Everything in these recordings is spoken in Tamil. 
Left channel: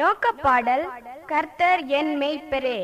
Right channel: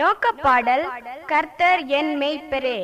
நோக்கப்பாடல். கர்த்தர் என் மேய்ப்பரே.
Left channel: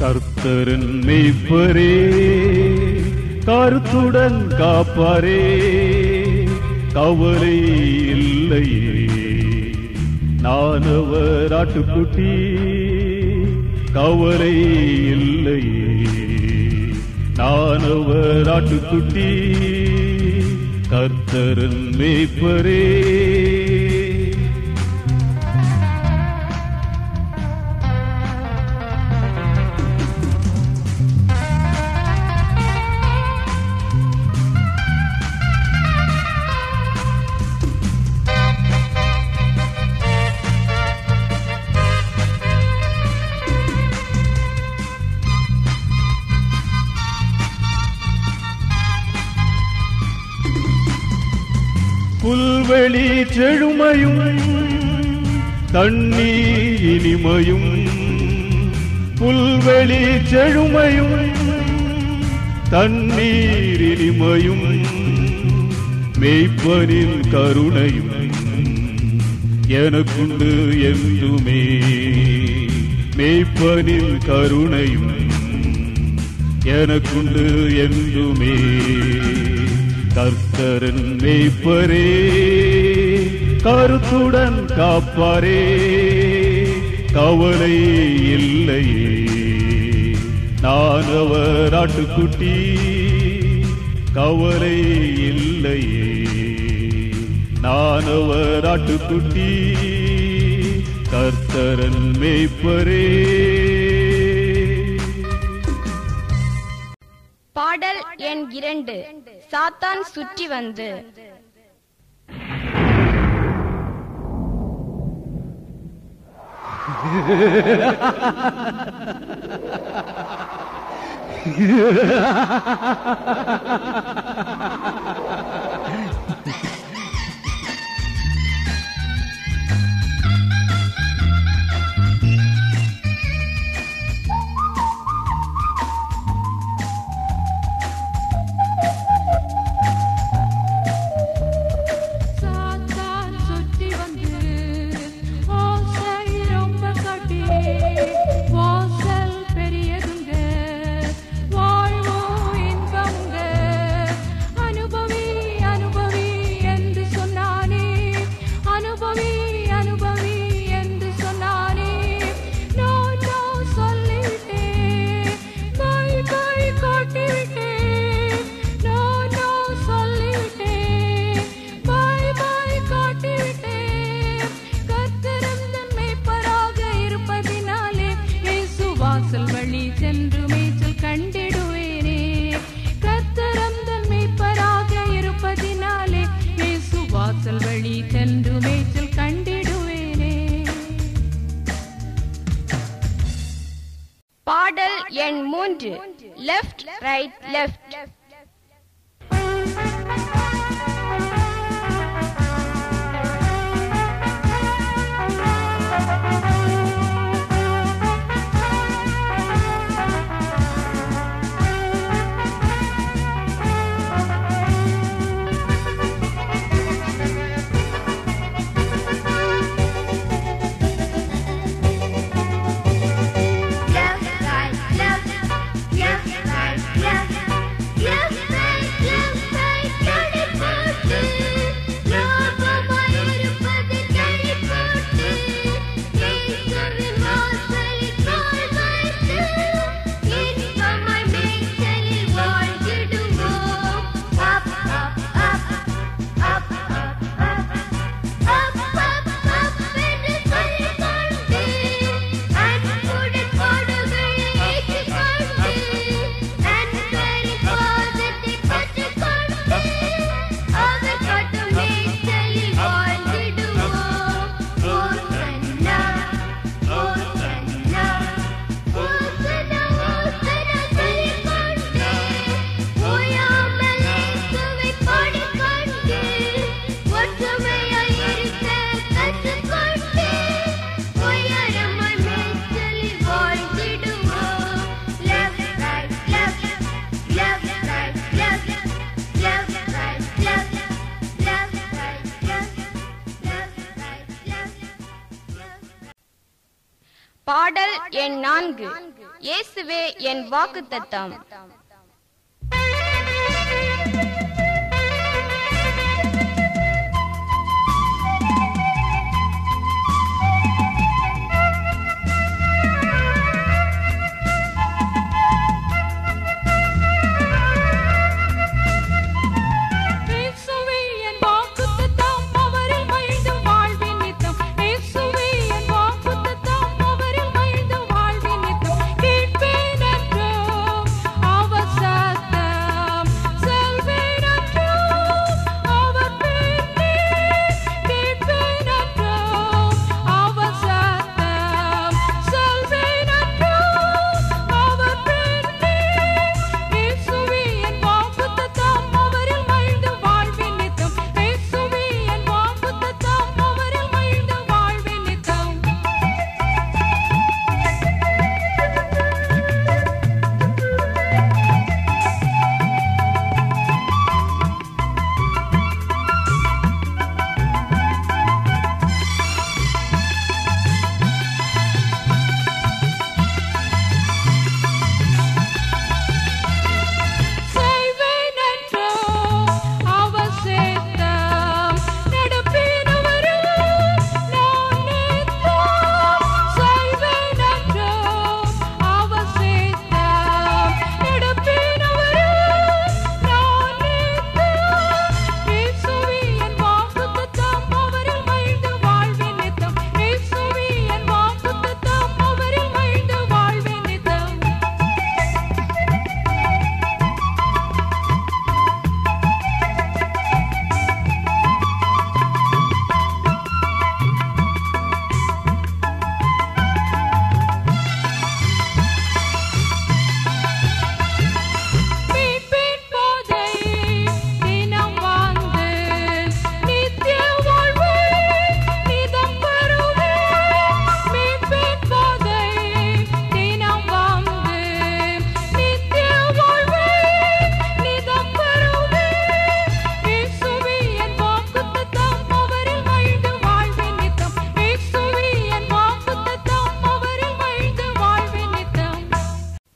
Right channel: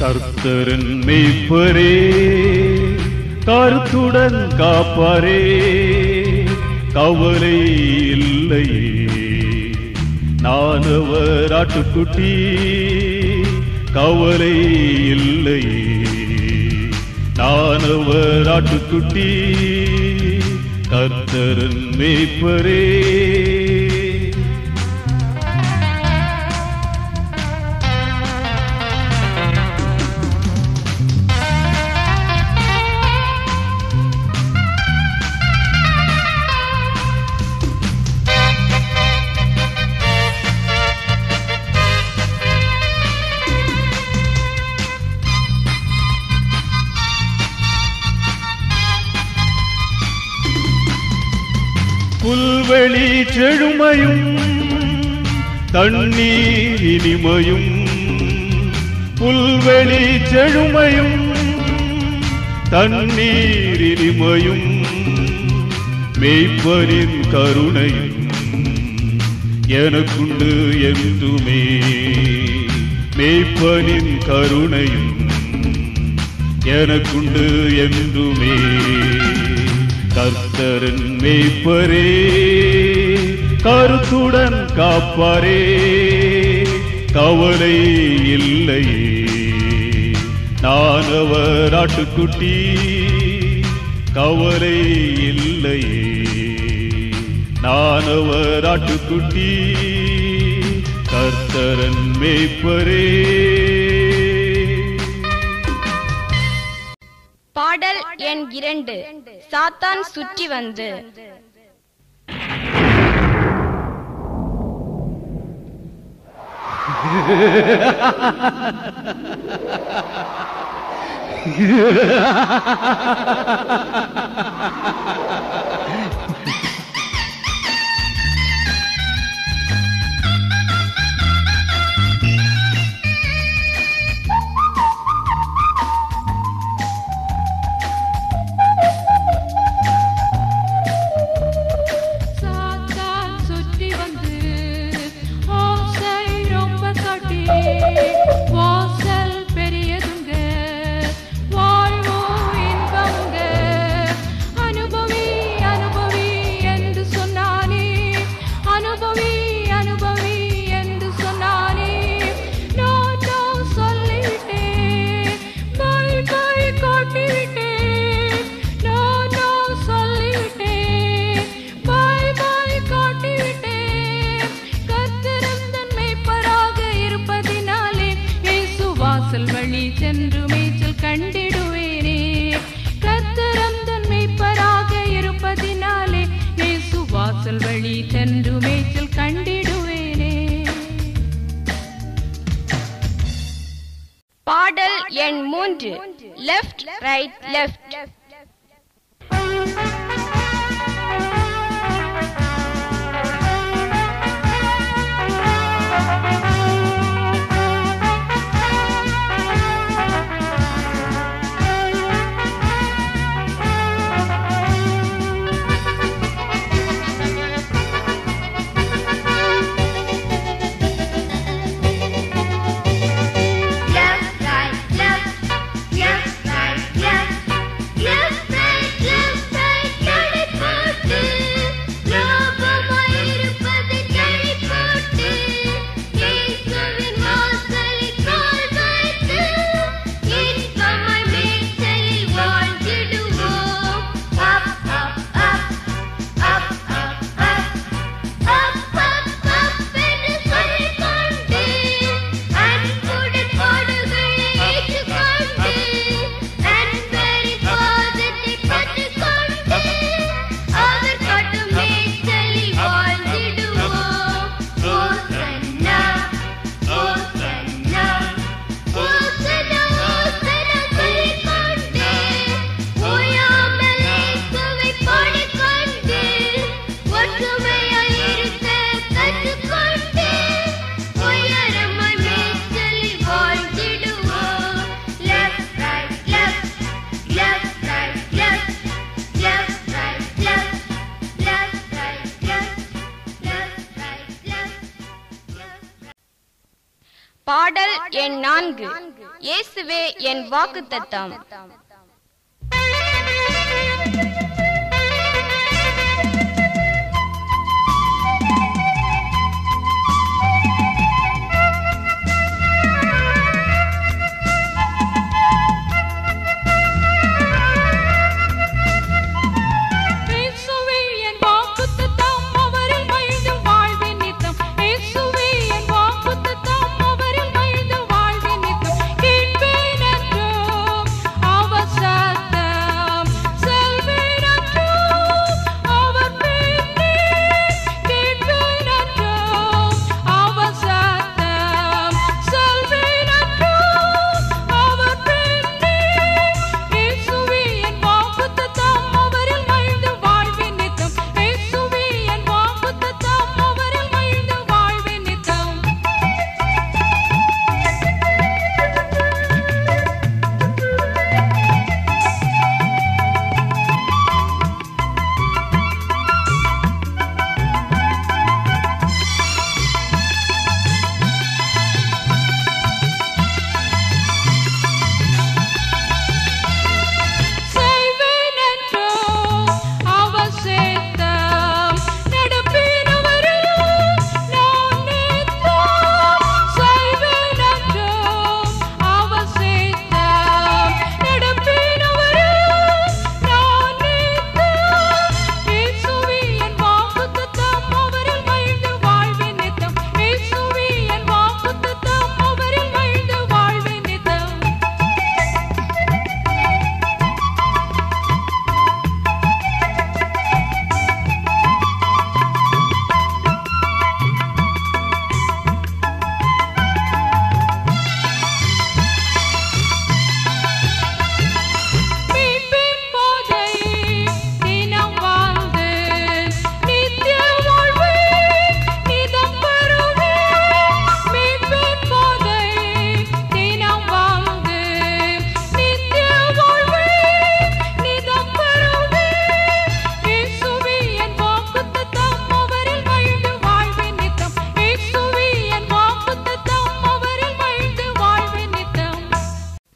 கர்த்தரின் மேய்ப்பரே, கருத்துடன் காப்பாரே, கவலை இல்லையே. நான் அவர் ஆட்டுக்குட்டி, கவலை இல்லையே. நான் அவர் ஆட்டுக்குட்டி, கர்த்தரின் மேய்ப்பரே. புல்வெளி செழுமையும் தண்ணீர் இனிமையும், புல்வெளி செழுமையும் தண்ணீர் இனிமையும், மேய்ப்பரின் கருணையும் எனக்குண்டு என்றுமே. மேய்ப்பரின் கருணையும் எனக்குண்டு என்றுமே. கர்த்தரின் மேய்ப்பரே, கருத்துடன் காப்பாரே, கவலை இல்லையே. நான் அவர் ஆட்டுக்குட்டி, கவலை இல்லையே. நான் அவர் ஆட்டுக்குட்டி, கர்த்தரின் மேய்ப்பரே. பாடல் எண் 2. சாத்தான் சுற்றி வந்து. பாடல் எண் 3. Left right left. Left, right, left. பாடல் எண் 4. இயேசுவே என் வாக்குத்தத்தம்.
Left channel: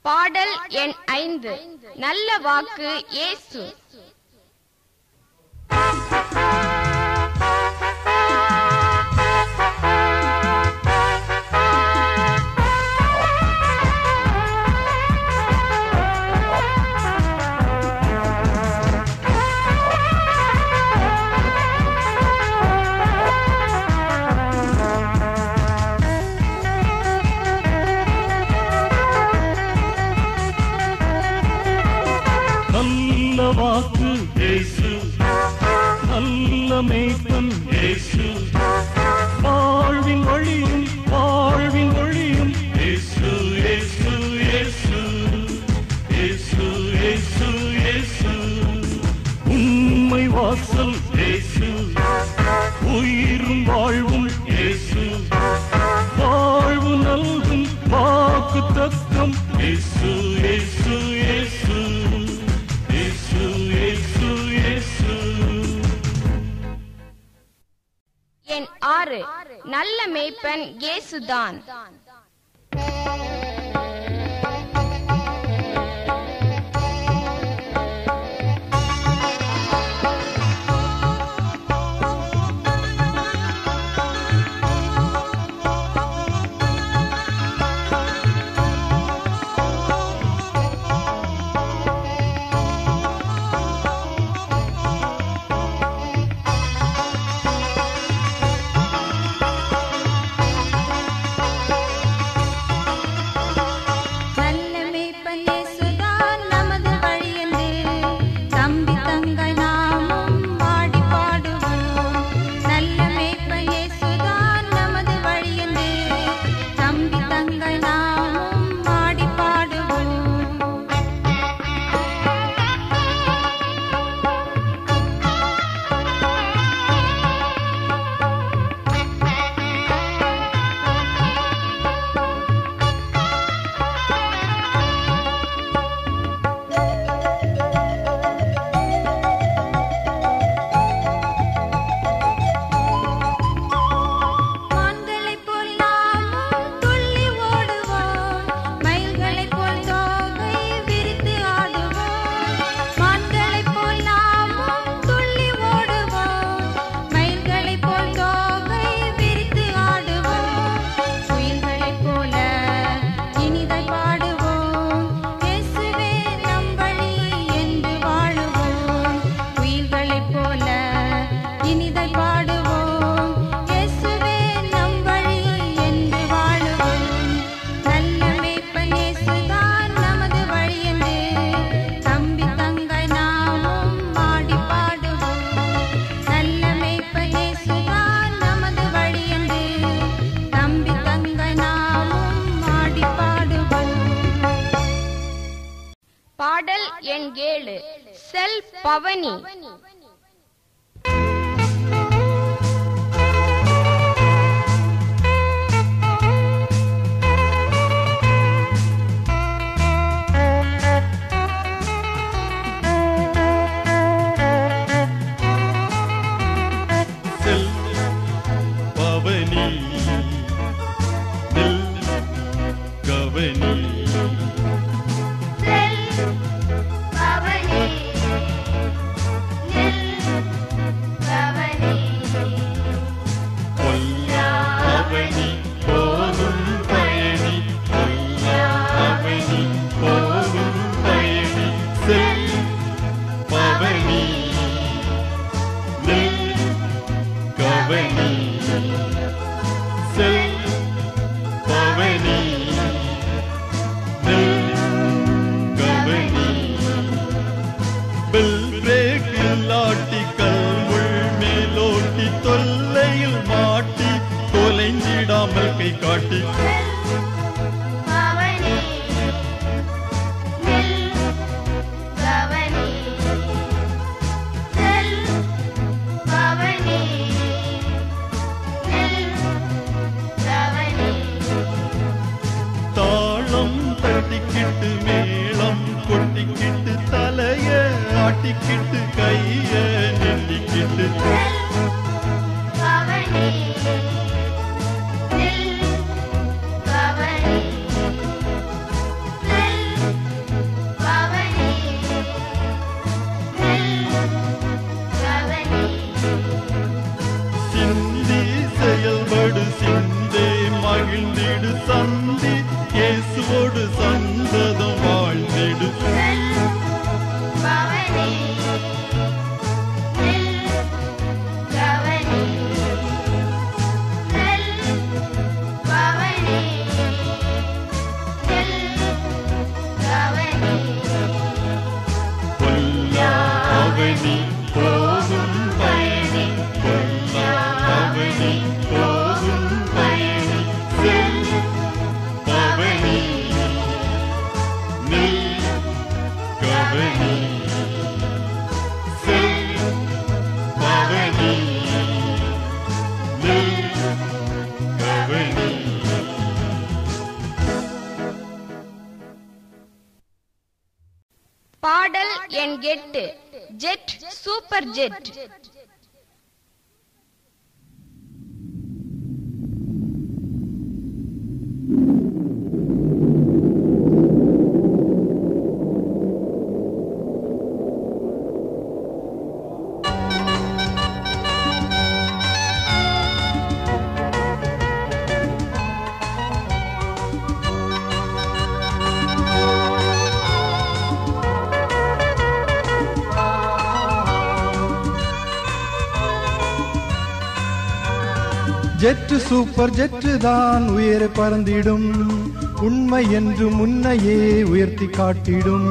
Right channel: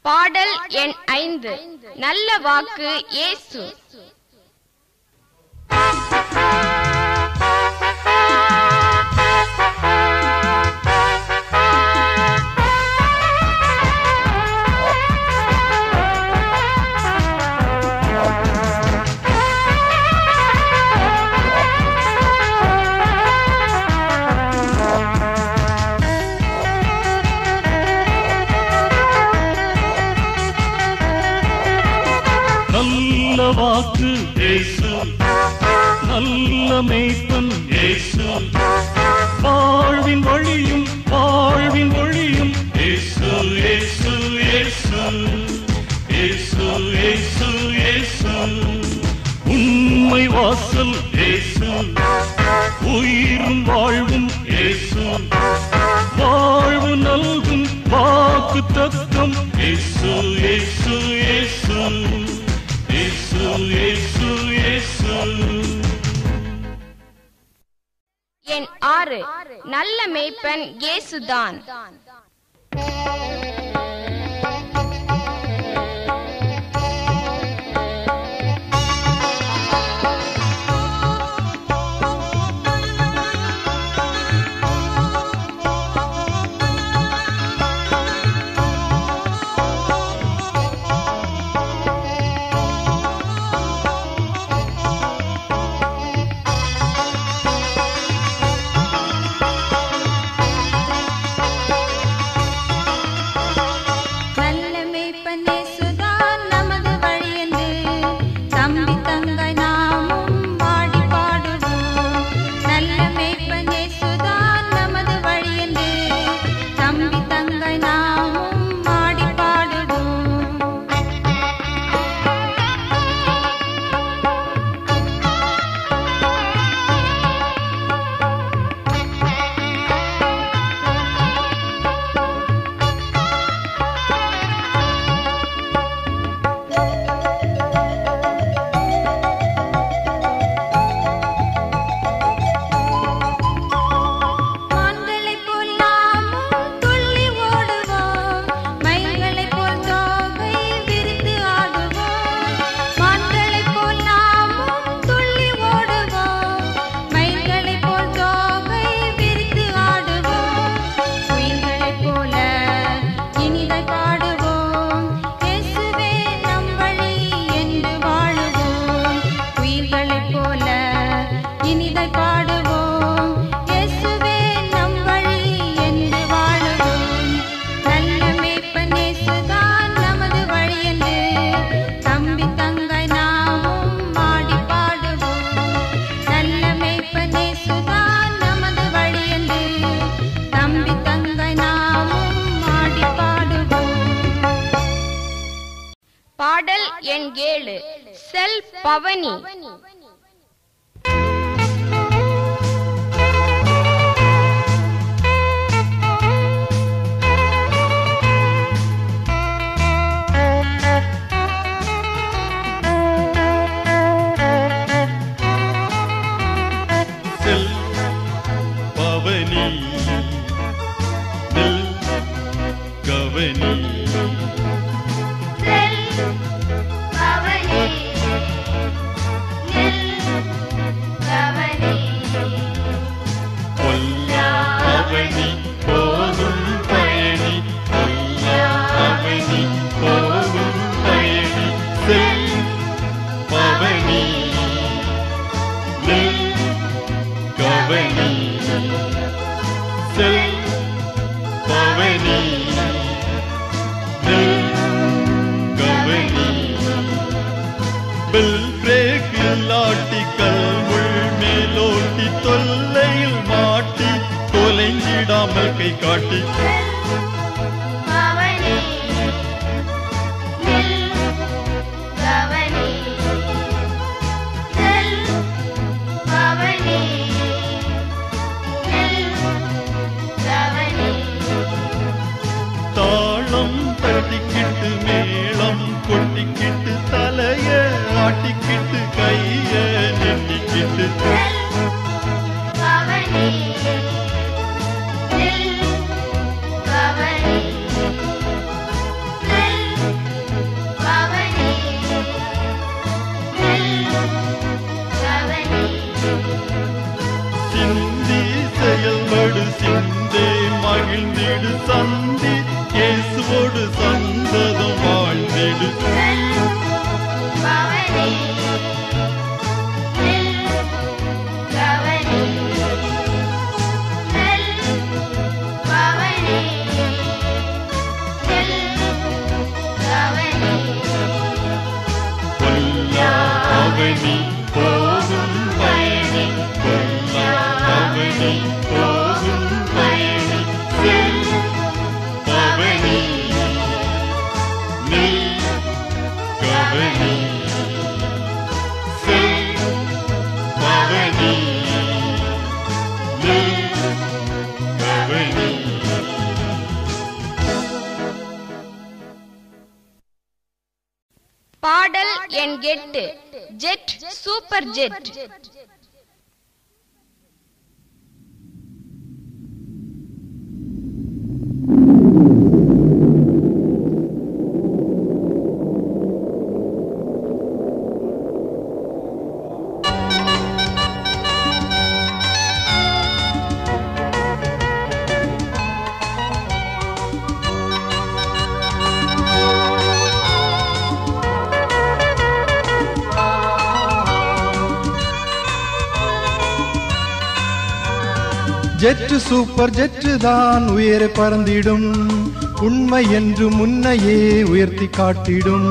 பாடல் எண் 5. நல்ல வாக்கு இயேசு. நல்ல வாக்கு இயேசு, நல்ல மேய்ப்பன் இயேசு, வாழ்வின் வழியும் வாழ்வின் ஒளியும் இயேசு இயேசு இயேசு இயேசு இயேசு இயேசு. உண்மை வாசல் இயேசு, உயிரும் வாழ்வும் இயேசு, வாழ்வு நல்கும் வாக்குத்தத்தம் இயேசு இயேசு இயேசு இயேசு இயேசு இயேசு. எண் 6. நல்ல மேய்ப்பன் இயேசுதான். பவனி. பாடல் எண் 8 jet super jet. Jet super jet தான் உயர பறந்திடும், உண்மை என்று முன்னையே உயர்த்தி காட்டிடும்.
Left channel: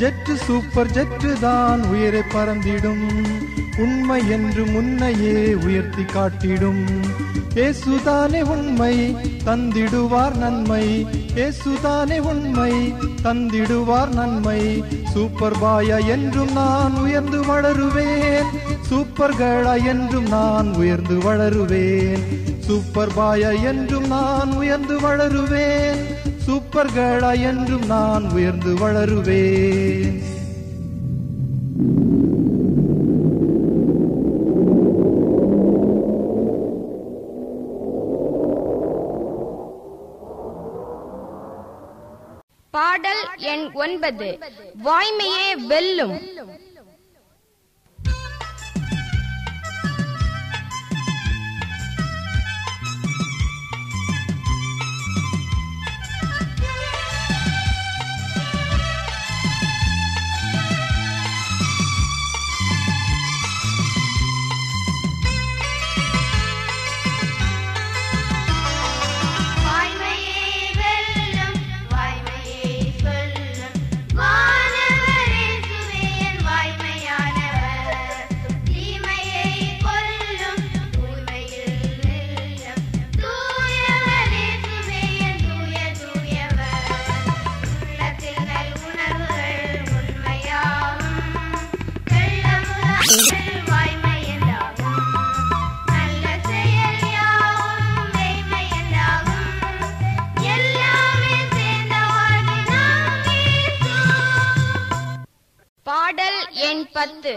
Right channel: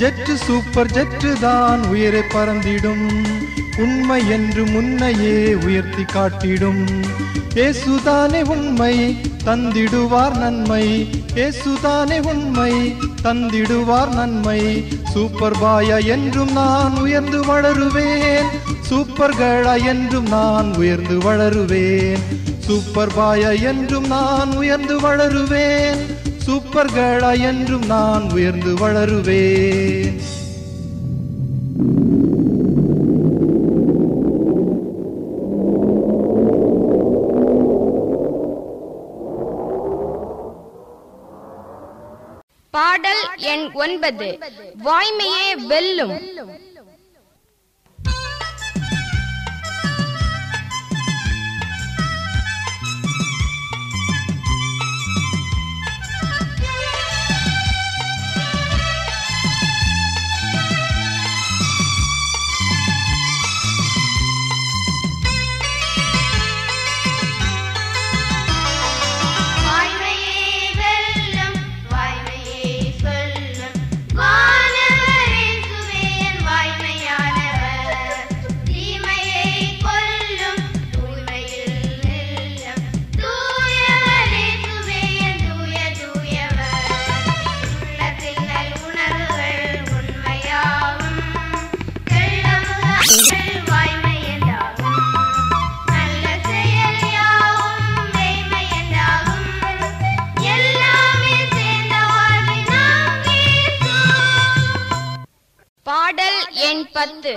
ஜெட்டு சூப்பர் ஜெட்டு தான் உயர பறந்திடும், உண்மை என்று முன்னையே உயர்த்தி காட்டிடும். இயேசுதானே உண்மை தந்திடுவார் நன்மை, இயேசுதானே உண்மை தந்திடுவார் நன்மை. சூப்பர் பாயா என்றும் நான் உயர்ந்து வளருவேன், சூப்பர் கேர்ளா என்றும் நான் உயர்ந்து வளருவேன். சூப்பர் பாயா என்றும் நான் உயர்ந்து வளருவேன், சூப்பர் கேர்ளா என்றும் நான் உயர்ந்து வளருவேன். பாடல் எண் 9 வாய்மையே வெல்லும். வாய்மையே சொல்லும் வானவரேசுவே என் வாய் எண் 10.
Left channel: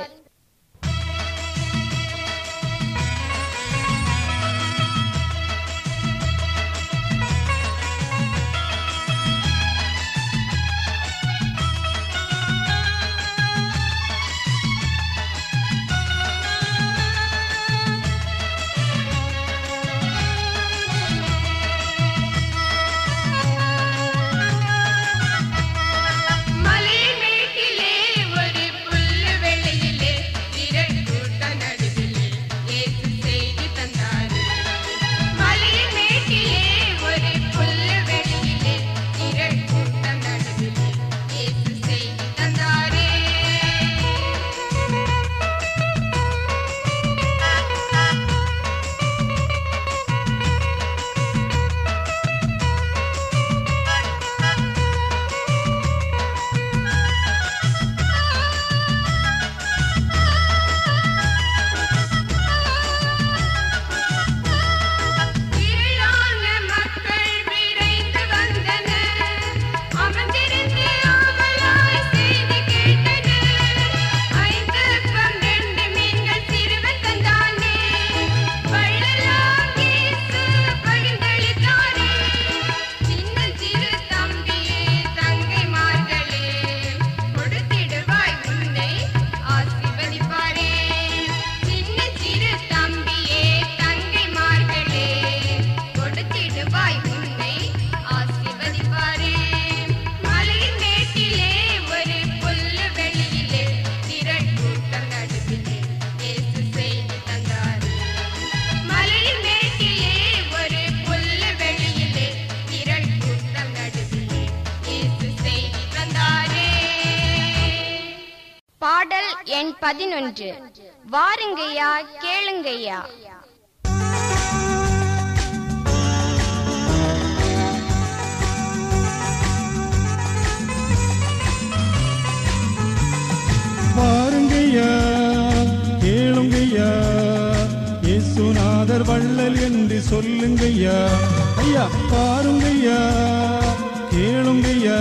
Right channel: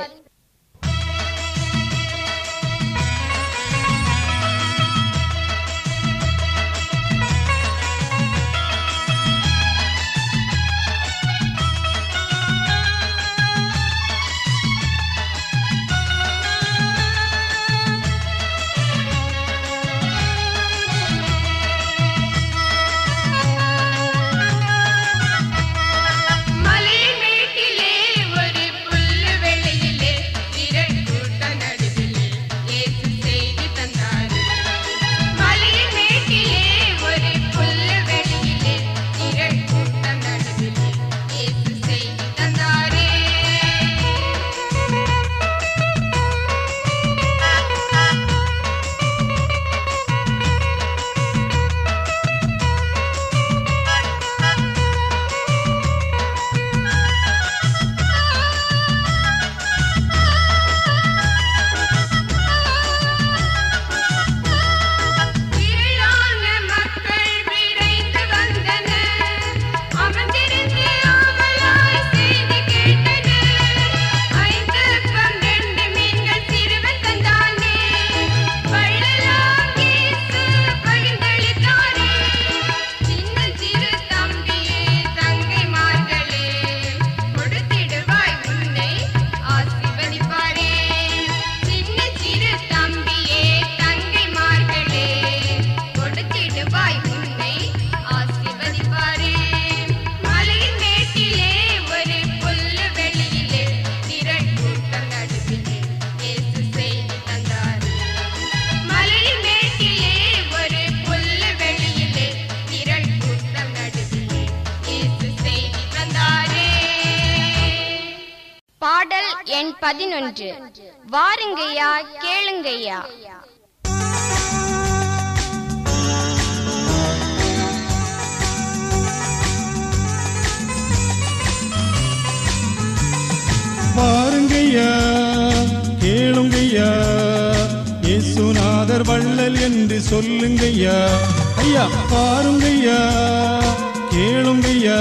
எண் 11. வாருங்கய்யா கேளுங்கய்யா. வாருங்கய்யா கேளுங்கய்யா, இயேசுநாதர் வள்ளல் என்று சொல்லுங்கய்யா. ஐயா பாருங்கய்யா கேளுங்கய்யா,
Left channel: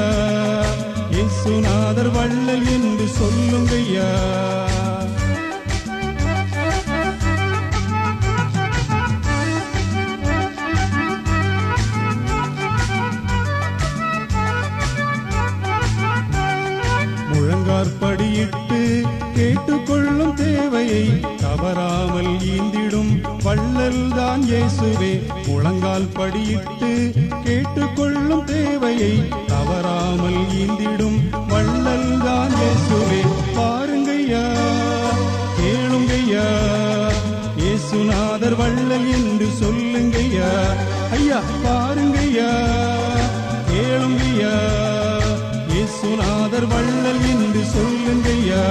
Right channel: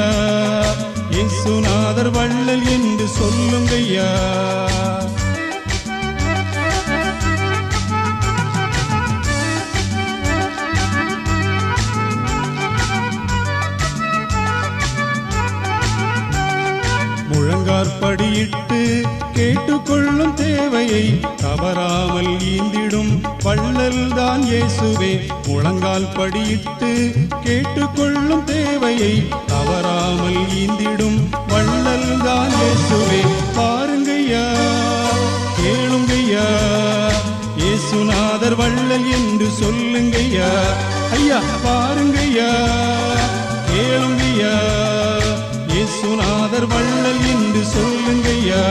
இயேசுநாதர் வள்ளல் என்று சொல்லுங்கய்யா. முழங்காற்படியிட்டு கேட்டுக்கொள்ளும் தேவையை தவறாமல் ஈந்திடும் வள்ளல் தான் இயேசுவே. முழங்கால் படியிட்டு கேட்டுக்கொள்ளும் தேவையை தவறாமல் ஈந்திடும் வள்ளல் தான் இயேசுவே. பாருங்கய்யா கேளுங்கய்யா, இயேசுநாதர் வள்ளல் என்று சொல்லுங்கய்யா. ஐயா பாருங்கய்யா கேளுங்கய்யா, இயேசுநாதர் வள்ளல் என்று சொல்லுங்கய்யா.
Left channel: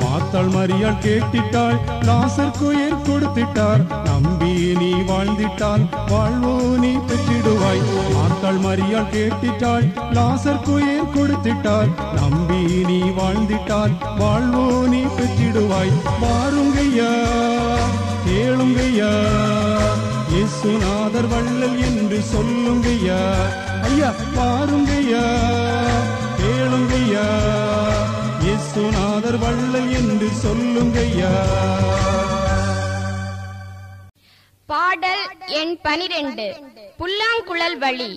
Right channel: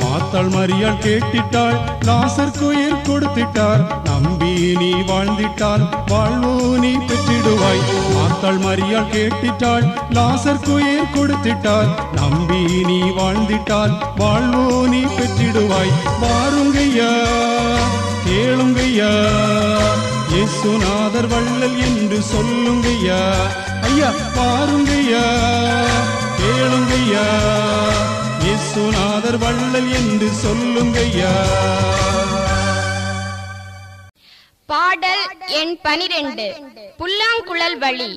மாத்தாள் மரியாள் கேட்டிட்டாள், லாசருக்கு உயிர் கொடுத்திட்டார். நம்பி நீ வாழ்ந்திட்டால் வாழ்வோ நீ பெற்றிடுவாய். மாத்தாள் மரியாள் கேட்டிட்டாள், லாசருக்கு உயிர் கொடுத்திட்டார். நம்பி நீ வாழ்ந்திட்டால் வாழ்வோ நீ பெற்றிடுவாய். வாருங்கய்யா கேளுங்கய்யா, இயேசுநாதர் வள்ளல் என்று சொல்லுங்கய்யா. ஐயா பாருங்கய்யா கேளுங்கய்யா, இயேசுநாதர் வள்ளல் என்று சொல்லுங்கய்யா. பாடல் எண் 12. புல்லாங்குழல் வழி.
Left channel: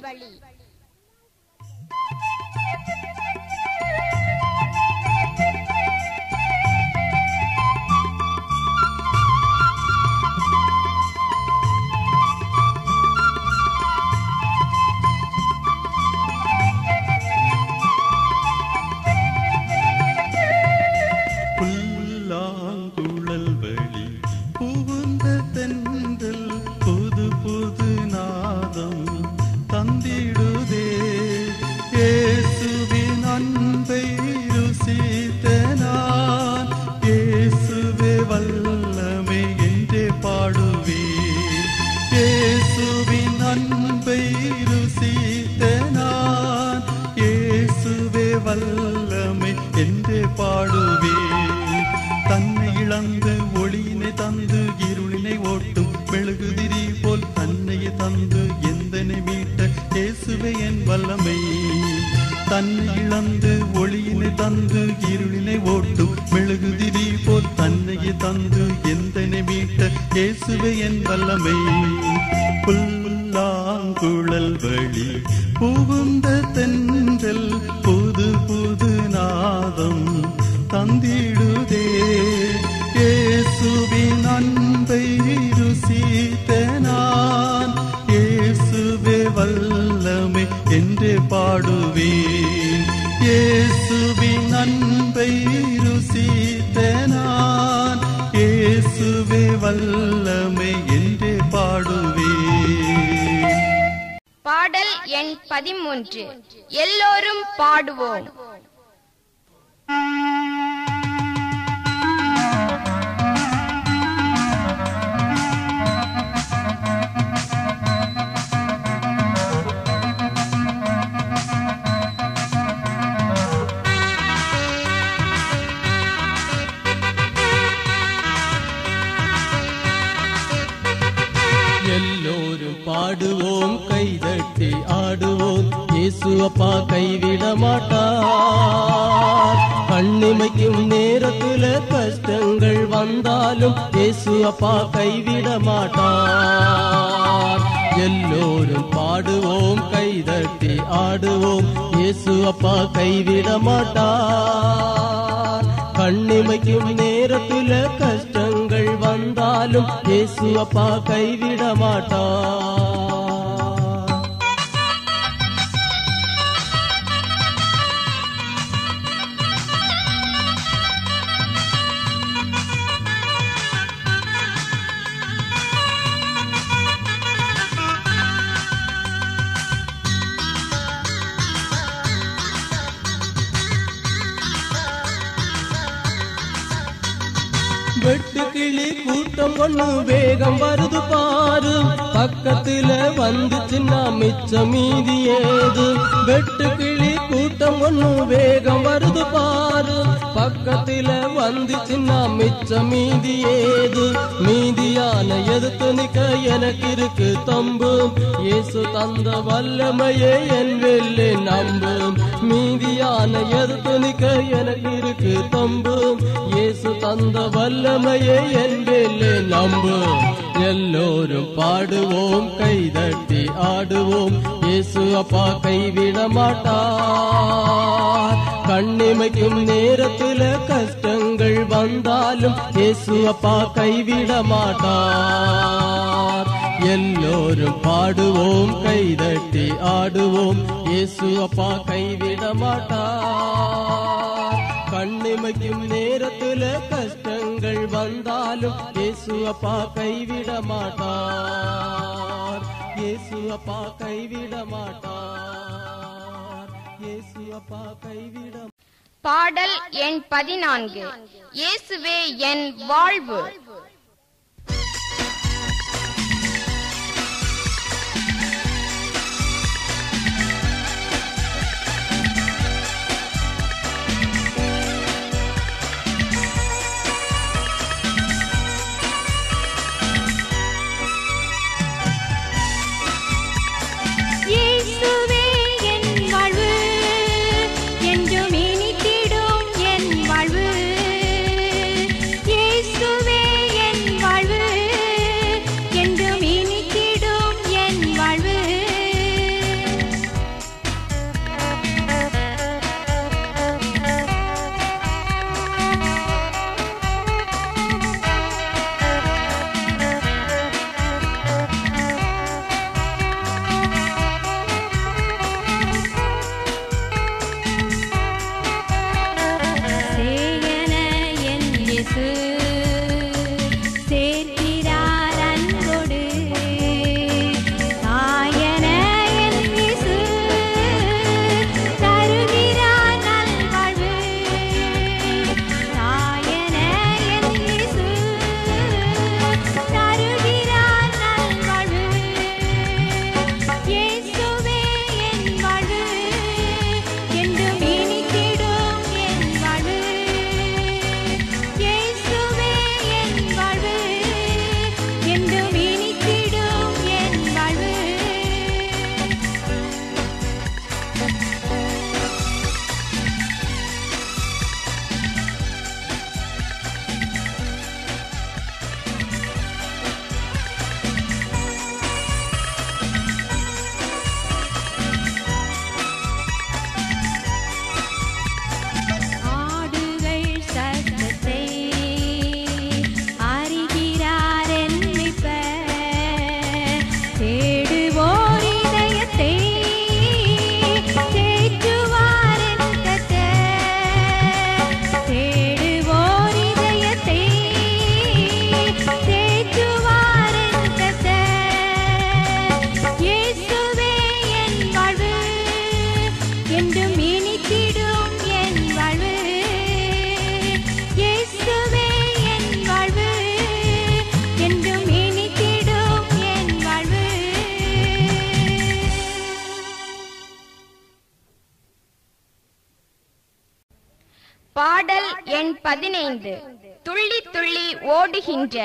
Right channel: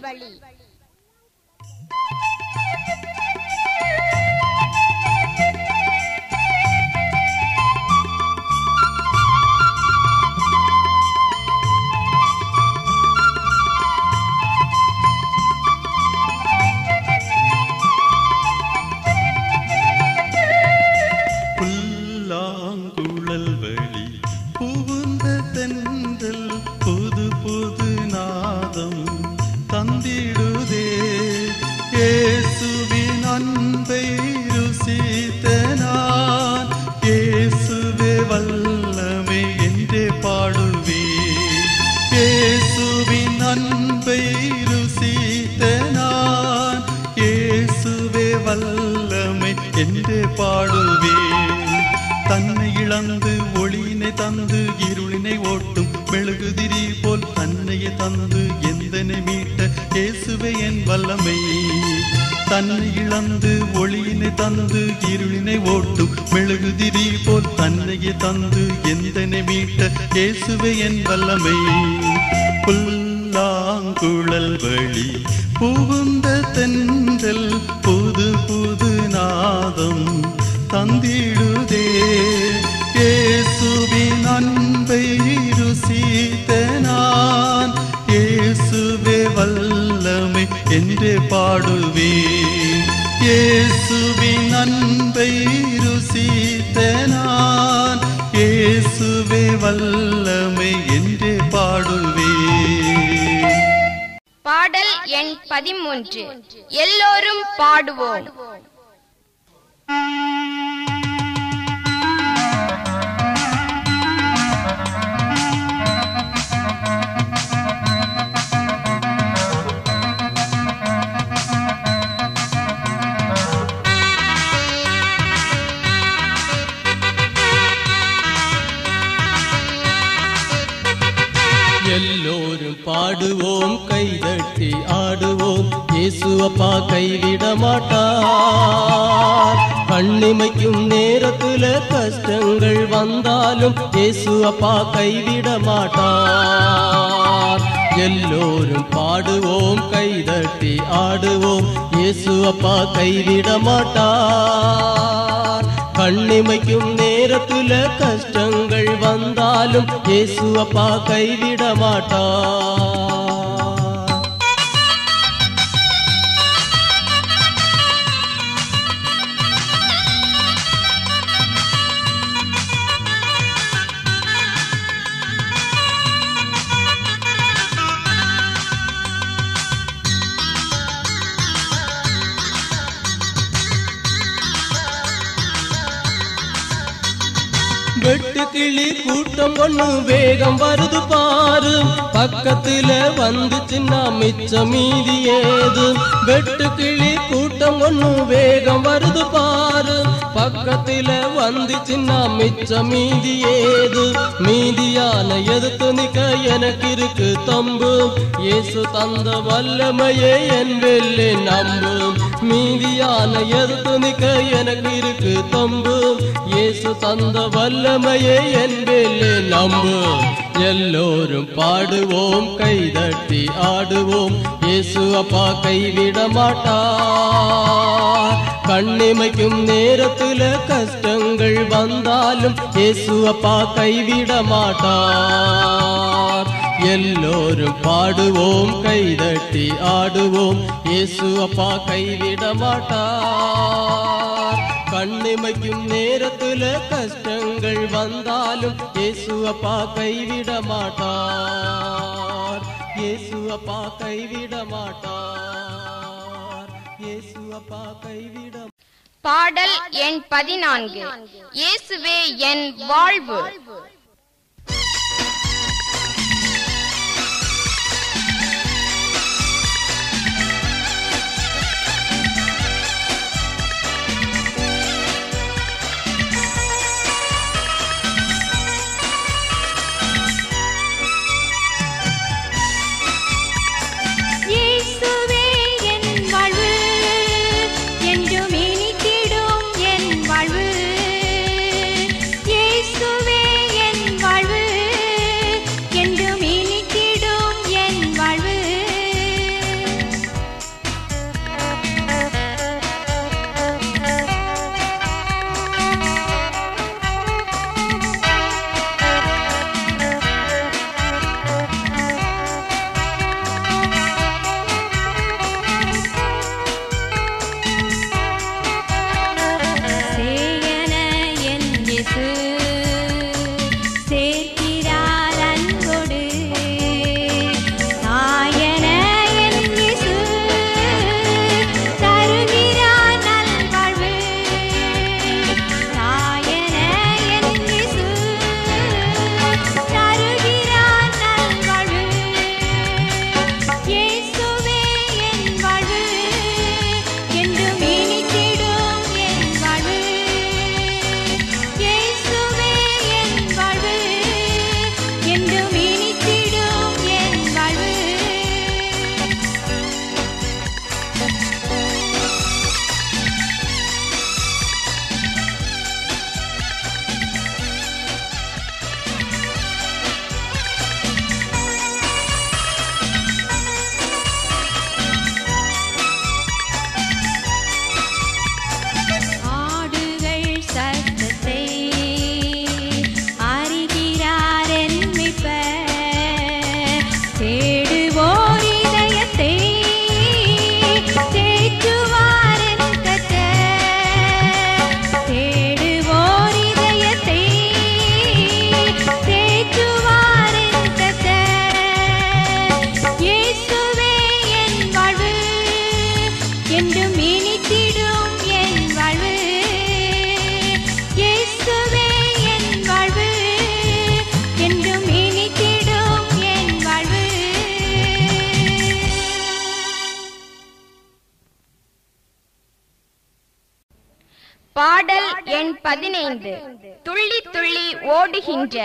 புல்லாங்குழல் வழி புகுந்த தென்றல் புது புது நாதம் தந்திடுதே. இயேசுவின் அன்பை ருசித்த நான், இயேசுவே வல்லமை என்றே பாடுவேன். இயேசுவின் அன்பை ருசித்த நான், இயேசுவே வல்லமை என்றே பாடுவேன். தன்னை இழந்து ஒளியினை தந்து இருளினை ஓட்டும் மெழுகுதிரி போல் தன்னையை தந்து எந்தனை மீட்ட இயேசுவே என் வல்லமை. தன்னை இழந்து ஒளியினை தந்து இருளினை ஓட்டும் மெழுகுதிரி போல் தன்னையை தந்து எந்தனை மீட்ட இயேசுவே என் வல்லமை. புல்லாங்குழல் வழி புகுந்த தென்றல் புது புது நாதம் தந்திடுதே. இயேசுவின் அன்பை ருசித்த நான் இயேசுவே வல்லமை என்றே பாடுவேன். இயேசுவின் அன்பை ருசித்த நான் இயேசுவே வல்லமை என்றே பாடுவேன். பாடல் எண் 13. எல்லோரும் பாடுவோம். எல்லோரும் பாடுவோம், கைதட்டி ஆடுவோம். இயேசு அப்பா கைவிட மாட்டார். கண்ணிமைக்கும் நேரத்துல கஷ்டங்கள் வந்தாலும் இயேசு அப்பா கைவிட மாட்டார். எல்லோரும் பாடுவோம், கைதட்டி ஆடுவோம். இயேசு அப்பா கைவிட மாட்டார். கண்ணிமைக்கும் நேரத்துல கஷ்டங்கள் வந்தாலும் இயேசு அப்பா கைவிட மாட்டார். வெட்டுக்கிளி கூட்டம் ஒண்ணு வேகம் வருது பாரு. பக்கத்துல வந்துச்சுன்னா மிச்சம் மீதி ஏது. வெட்டுக்கிளி கூட்டம் ஒண்ணு வேகம் வருது பாரு. பக்கத்துல வந்துச்சுன்னா மிச்சம் மீதி ஏது. மீதியான எதிர்த்து நிக்க எனக்கு இருக்கு தம்பு. இயேசு தந்த வல்லமையே என் வெள்ளி நம்பு. மீதியான எதிர்த்து நிக்க எனக்கு இருக்கு தம்பு. இயேசு தந்த வல்லமையே என் வெள்ளி நம்பு. எல்லோரும் பாடுவோம், கைதட்டி ஆடுவோம். இயேசு அப்பா கைவிட மாட்டார். கண்ணிமைக்கும் நேரத்துல கஷ்டங்கள் வந்தாலும் இயேசு அப்பா கைவிட மாட்டார். எல்லோரும் பாடுவோம், கைதட்டி ஆடுவோம். இயேசு அப்பா கைவிட மாட்டார். கண்ணிமைக்கும் நேரத்துல கஷ்டங்கள் வந்தாலும் இயேசு அப்பா கைவிட மாட்டார். இயேசு அப்பா கைவிட மாட்டார். இயேசு அப்பா கைவிட. பாடல் எண் 14. இயேசுவே என் வாழ்வு. இயேசுவே என் எண் 15 துள்ளி துள்ளி ஓடுகின்ற.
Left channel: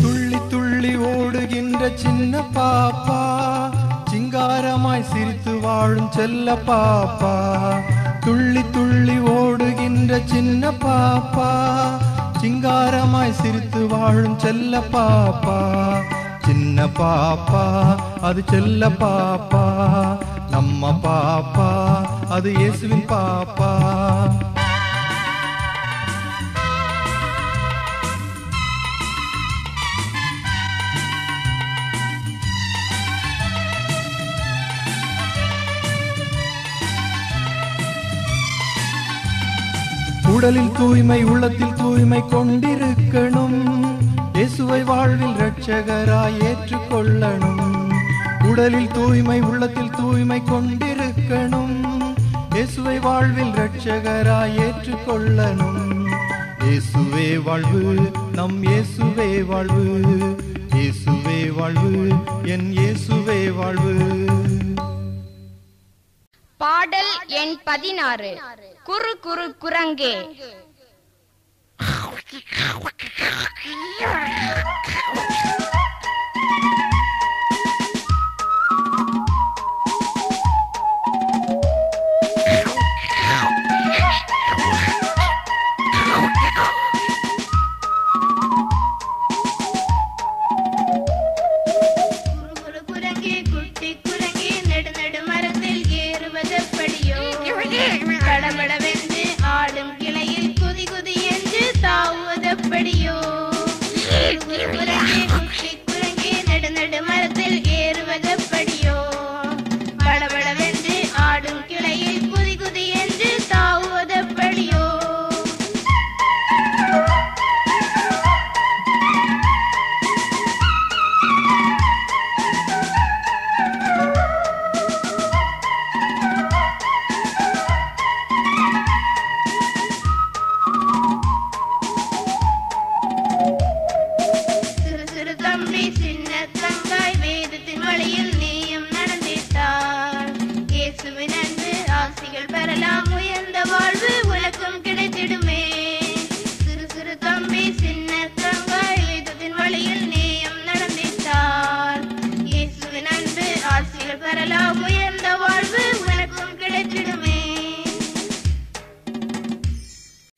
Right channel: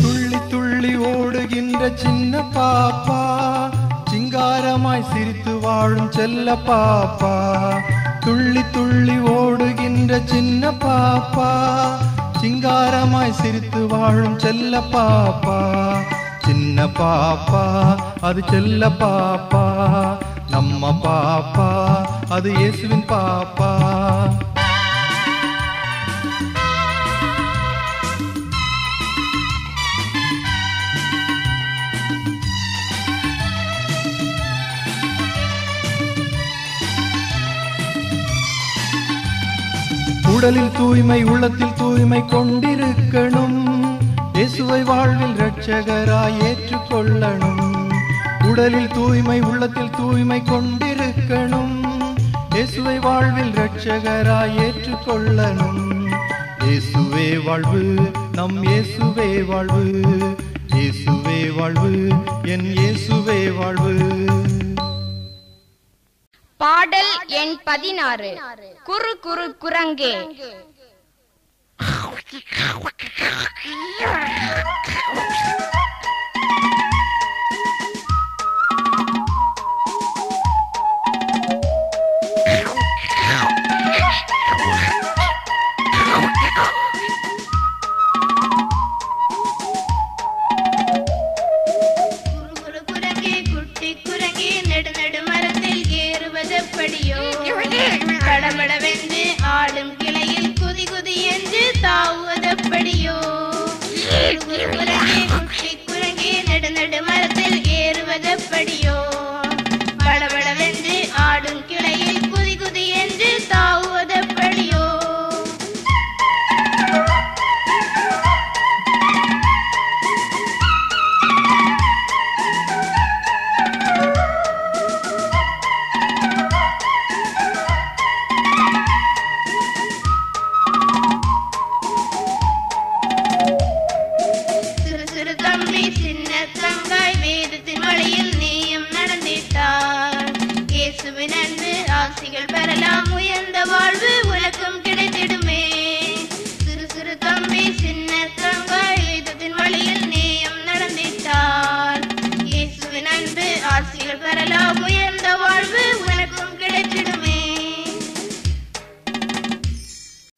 துள்ளி துள்ளி ஓடுகின்ற சின்ன பாப்பா, சிங்காரமாய் சிரித்து வாழும் செல்ல பாப்பா. துள்ளி துள்ளி ஓடுகின்ற சின்ன பாப்பா, சிங்காரமாய் சிரித்து வாழும் செல்ல பாப்பா. சின்ன பாப்பா அது செல்ல பாப்பா, நம்ம பாப்பா அது இயேசுவின் பாப்பா. உடலில் தூய்மை உள்ளத்தில் தூய்மை கொண்டிருக்கணும், இயேசுவை வாழ்வில் இரட்சகராய் ஏற்றுக்கொள்ளணும். உடலில் தூய்மை உள்ளத்தில் தூய்மை கொண்டிருக்கணும், இயேசுவை வாழ்வில் இரட்சகராய் ஏற்றுக்கொள்ளணும். இயேசுவே வாழ்வு, நம் இயேசுவே வாழ்வு, இயேசுவே வாழ்வு, என் இயேசுவே வாழ்வு. பாடல் எண் 16 குறு குறு குரங்கே.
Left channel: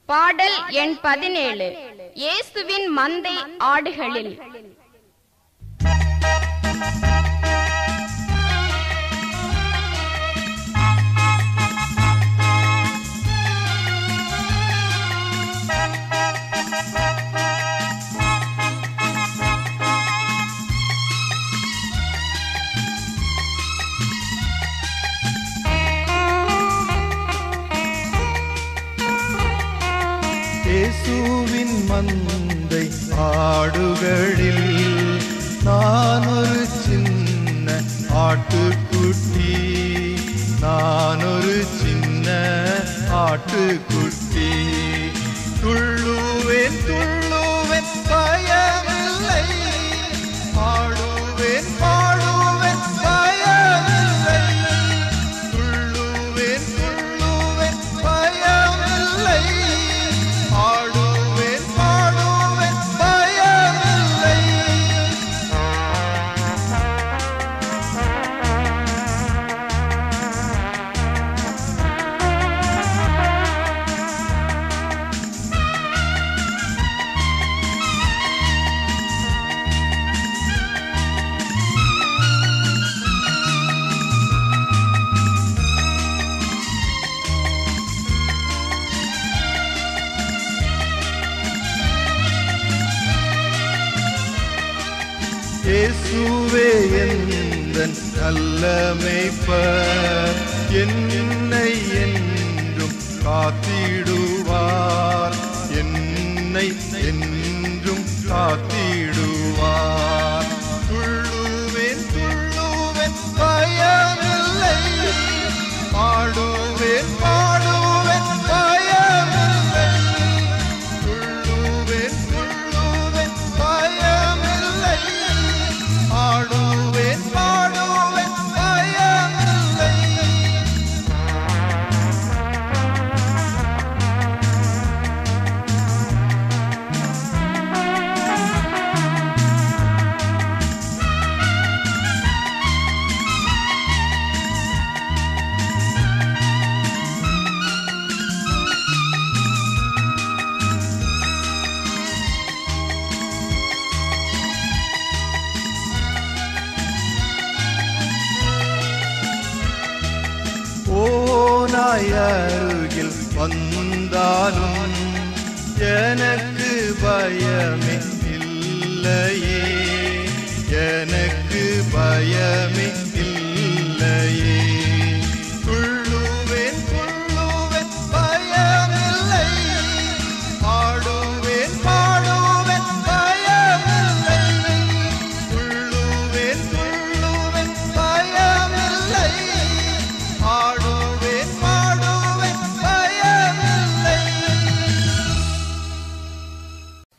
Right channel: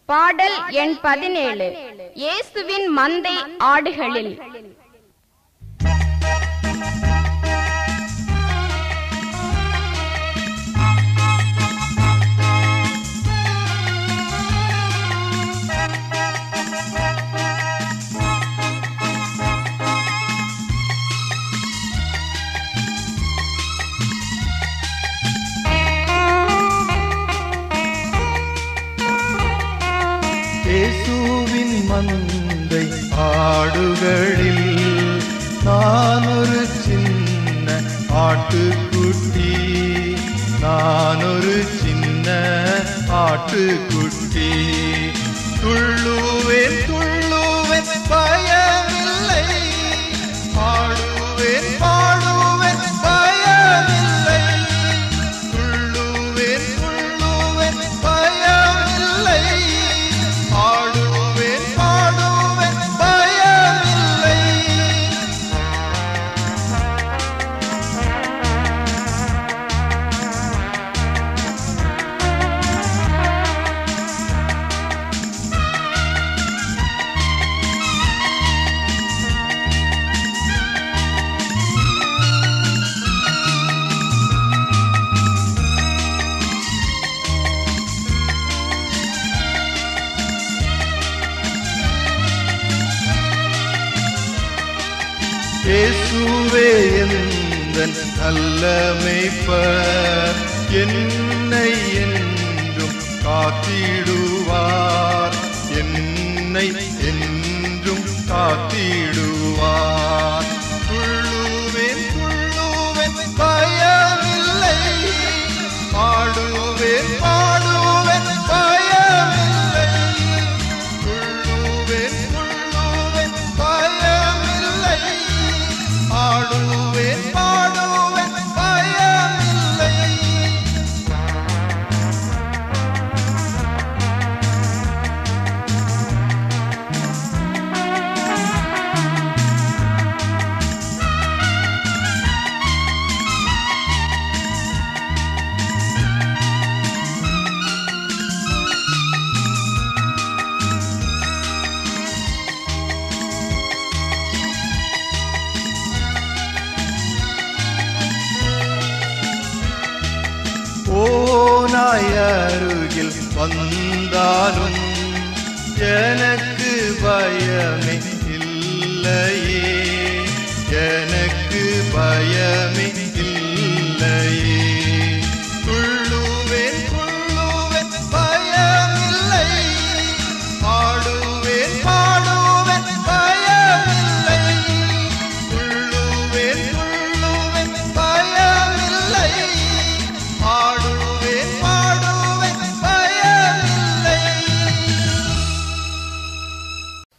பாடல் எண் 17 இயேசுவின் மந்தை ஆடுகளில். இயேசுவின் மந்தை ஆடுகளில் நான் ஒரு சின்ன ஆட்டுக்குட்டி, நான் ஒரு சின்ன ஆட்டுக்குட்டி. துள்ளுவேன் துள்ளுவேன் பயமில்லை, பாடுவேன் பாடுவேன் பயமில்லை. துள்ளுவேன் துள்ளுவேன் பயமில்லை, பாடுவேன் பாடுவேன் பயமில்லை. இயேசுவே எந்தன் நல்ல மேய்ப்பர், என்னை என்றும் காத்திடுவார், என்னை என்றும் காத்திடுவார். துள்ளுவேன் துள்ளுவேன் பயமில்லை, பாடுவேன் பாடுவேன் பயமில்லை. வந்தாலும் எனக்கு பயமே இல்லையே, எனக்கு பயமே இல்லையே. துள்ளுவேன் துள்ளுவேன் பயமில்லை, பாடுவேன் பாடுவேன் பயமில்லை. துள்ளுவேன் துள்ளுவேன் பயமில்லை, பாடுவேன் பாடுவேன் பயமில்லை.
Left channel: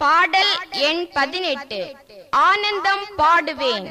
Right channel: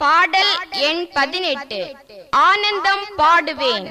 பாடல் எண் 18. ஆனந்தம் பாடுவேன்.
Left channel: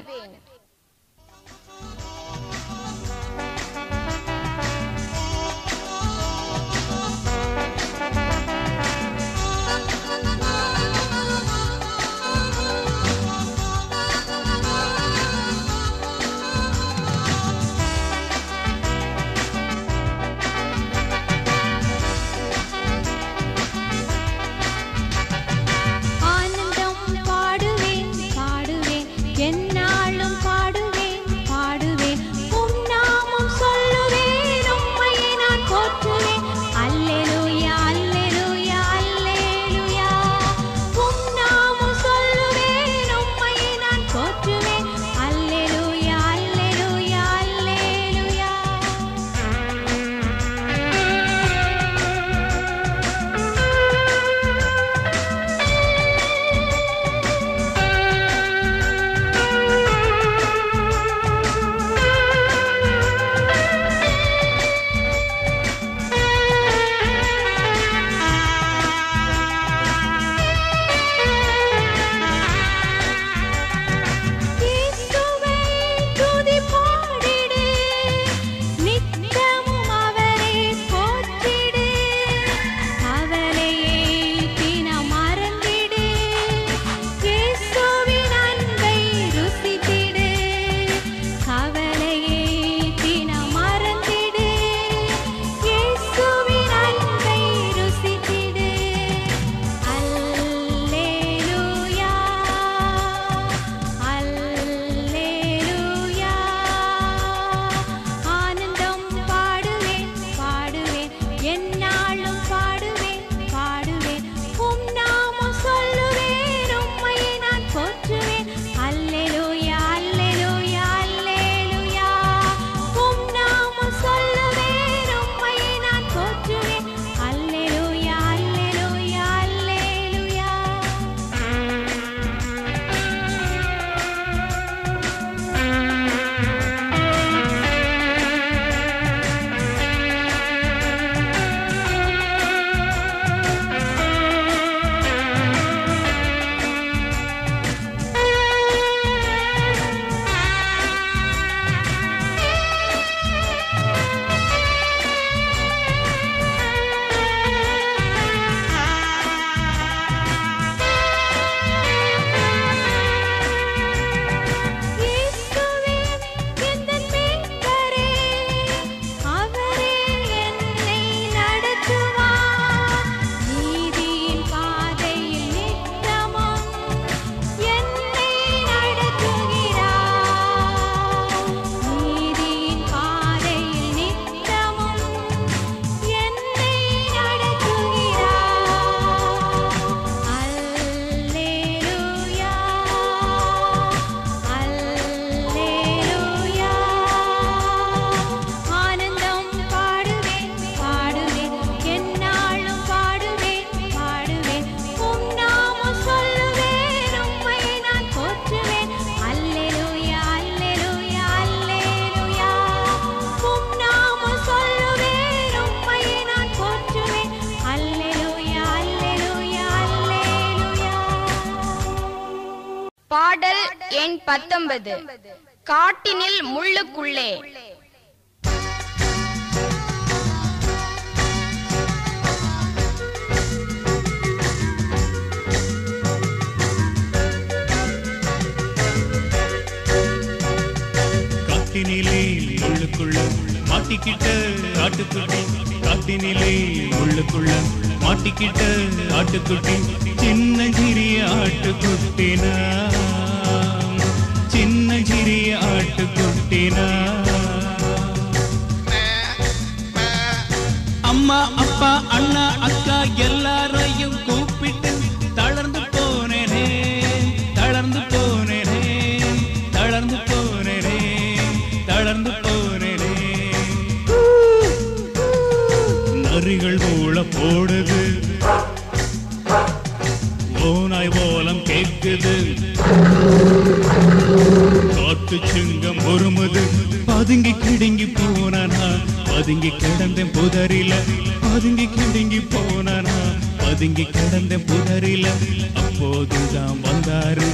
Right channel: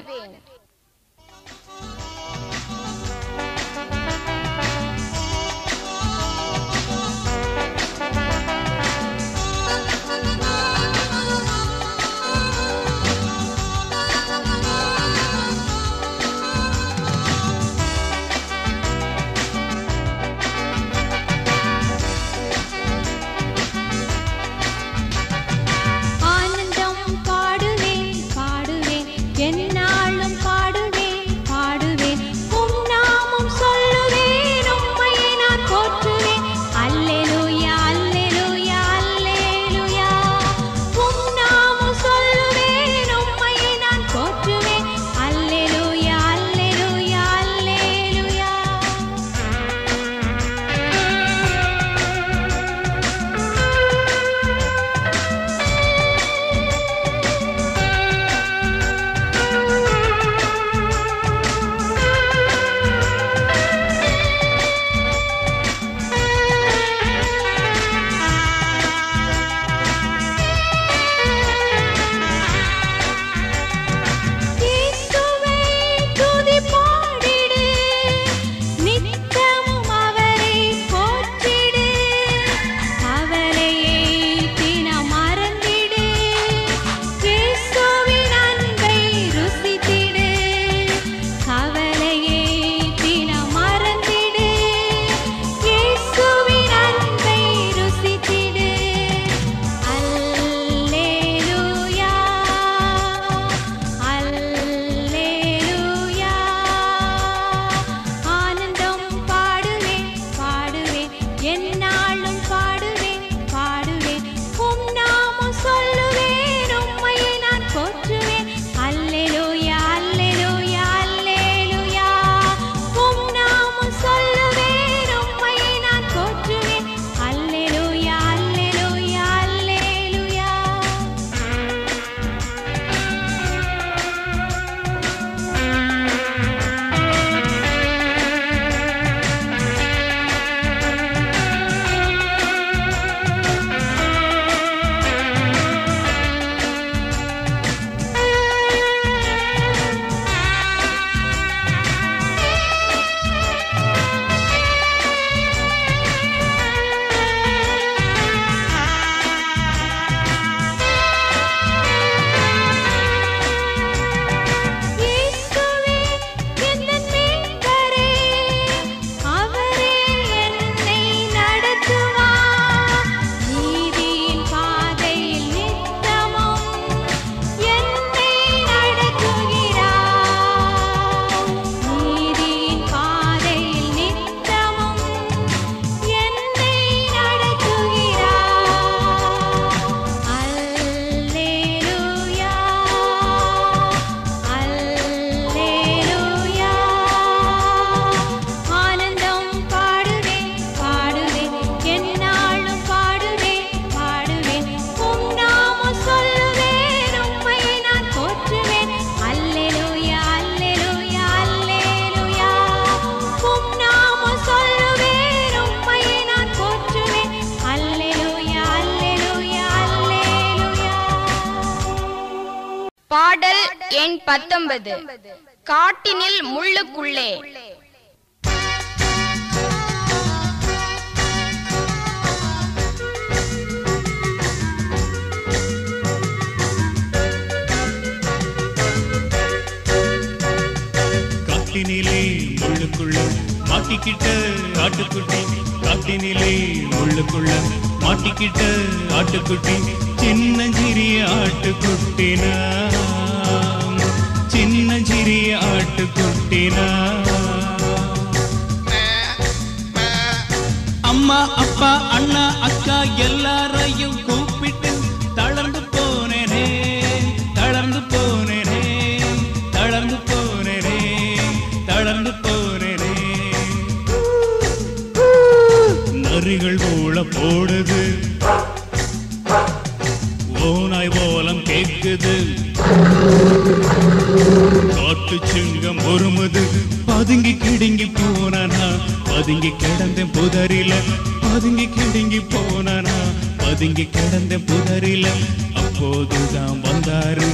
ஆனந்தம் பாடுவேன் பாடுவேன் என்னாலும் பாடுவேன் பாடுவேன் உம் நாமம் சொல்லுவேன் உம்மையை நான் போற்றுவேன். அல்லேலூயா அல்லேலூயா அல்லேலூயா. உம் நாமம் சொல்லுவேன் உம்மையை நான் போற்றுவேன். அல்லேலூயா அல்லேலூயா அல்லேலூயா. இயேசுவே துதி பாடிடு, நித்தமும் அவரை போற்றிடு. கவலையை தினம் மறந்திடு, இயேசுவின் அன்பை ருசித்திடு. கவலையை தினம் மறந்திடு, இயேசுவின் அன்பை ருசித்திடு. அல்லேலூயா அல்லேலூயா. ஆனந்தம் பாடுவேன் பாடுவேன் என்னாலும் பாடுவேன் பாடுவேன் உம் நாமம் சொல்லுவேன் உம்மையை நான் போற்றுவேன். அல்லேலூயா அல்லேலூயா அல்லேலூயா. உம் நாமம் சொல்லுவேன் உம்மையை நான் போற்றுவேன். அல்லேலூயா அல்லேலூயா அல்லேலூயா. இயேசுவே என்னன் மீட்பரே, அவரே என்னை நடத்துவார். நீதியின் பாதையில் நித்தமும் என்னை நடத்துகிறார். நீதியின் பாதையில் நித்தமும் என்னை நடத்துகிறார். அல்லேலூயா அல்லேலூயா. ஆனந்தம் பாடுவேன் பாடுவேன் என்னாலும் பாடுவேன் பாடுவேன் உம் நாமம் சொல்லுவேன் உம்மையை நான் போற்றுவேன். அல்லேலூயா அல்லேலூயா அல்லேலூயா. உம் நாமம் சொல்லுவேன் உம்மையை நான் போற்றுவேன். அல்லேலூயா அல்லேலூயா அல்லேலூயா. பாடல் எண் 19. காட்டினில் முள்ளுக்குள்ளே. காட்டினிலே முள்ளுக்குள்ள மாட்டிக்கிட்ட ஆட்டுக்குட்டி, காட்டினிலே முள்ளுக்குள்ள மாட்டிக்கிட்ட ஆட்டுக்குட்டி, சின்னஞ்சிறிய ஆட்டுக்குட்டினா, சின்னஞ்சிறிய ஆட்டுக்குட்டினா. அம்மா அப்பா போடுது, ஓனாய் ஓலம் கேக்குது, காட்டு சிங்கம் ஒருமது, பதுங்கி கிடுங்கி போனானா, பதுங்கி கிடந்த புதரில, பதுங்கி கிடுங்கி போனானா, பதுங்கி கிடந்த புதரில. அப்போதுதான் வந்தாரு,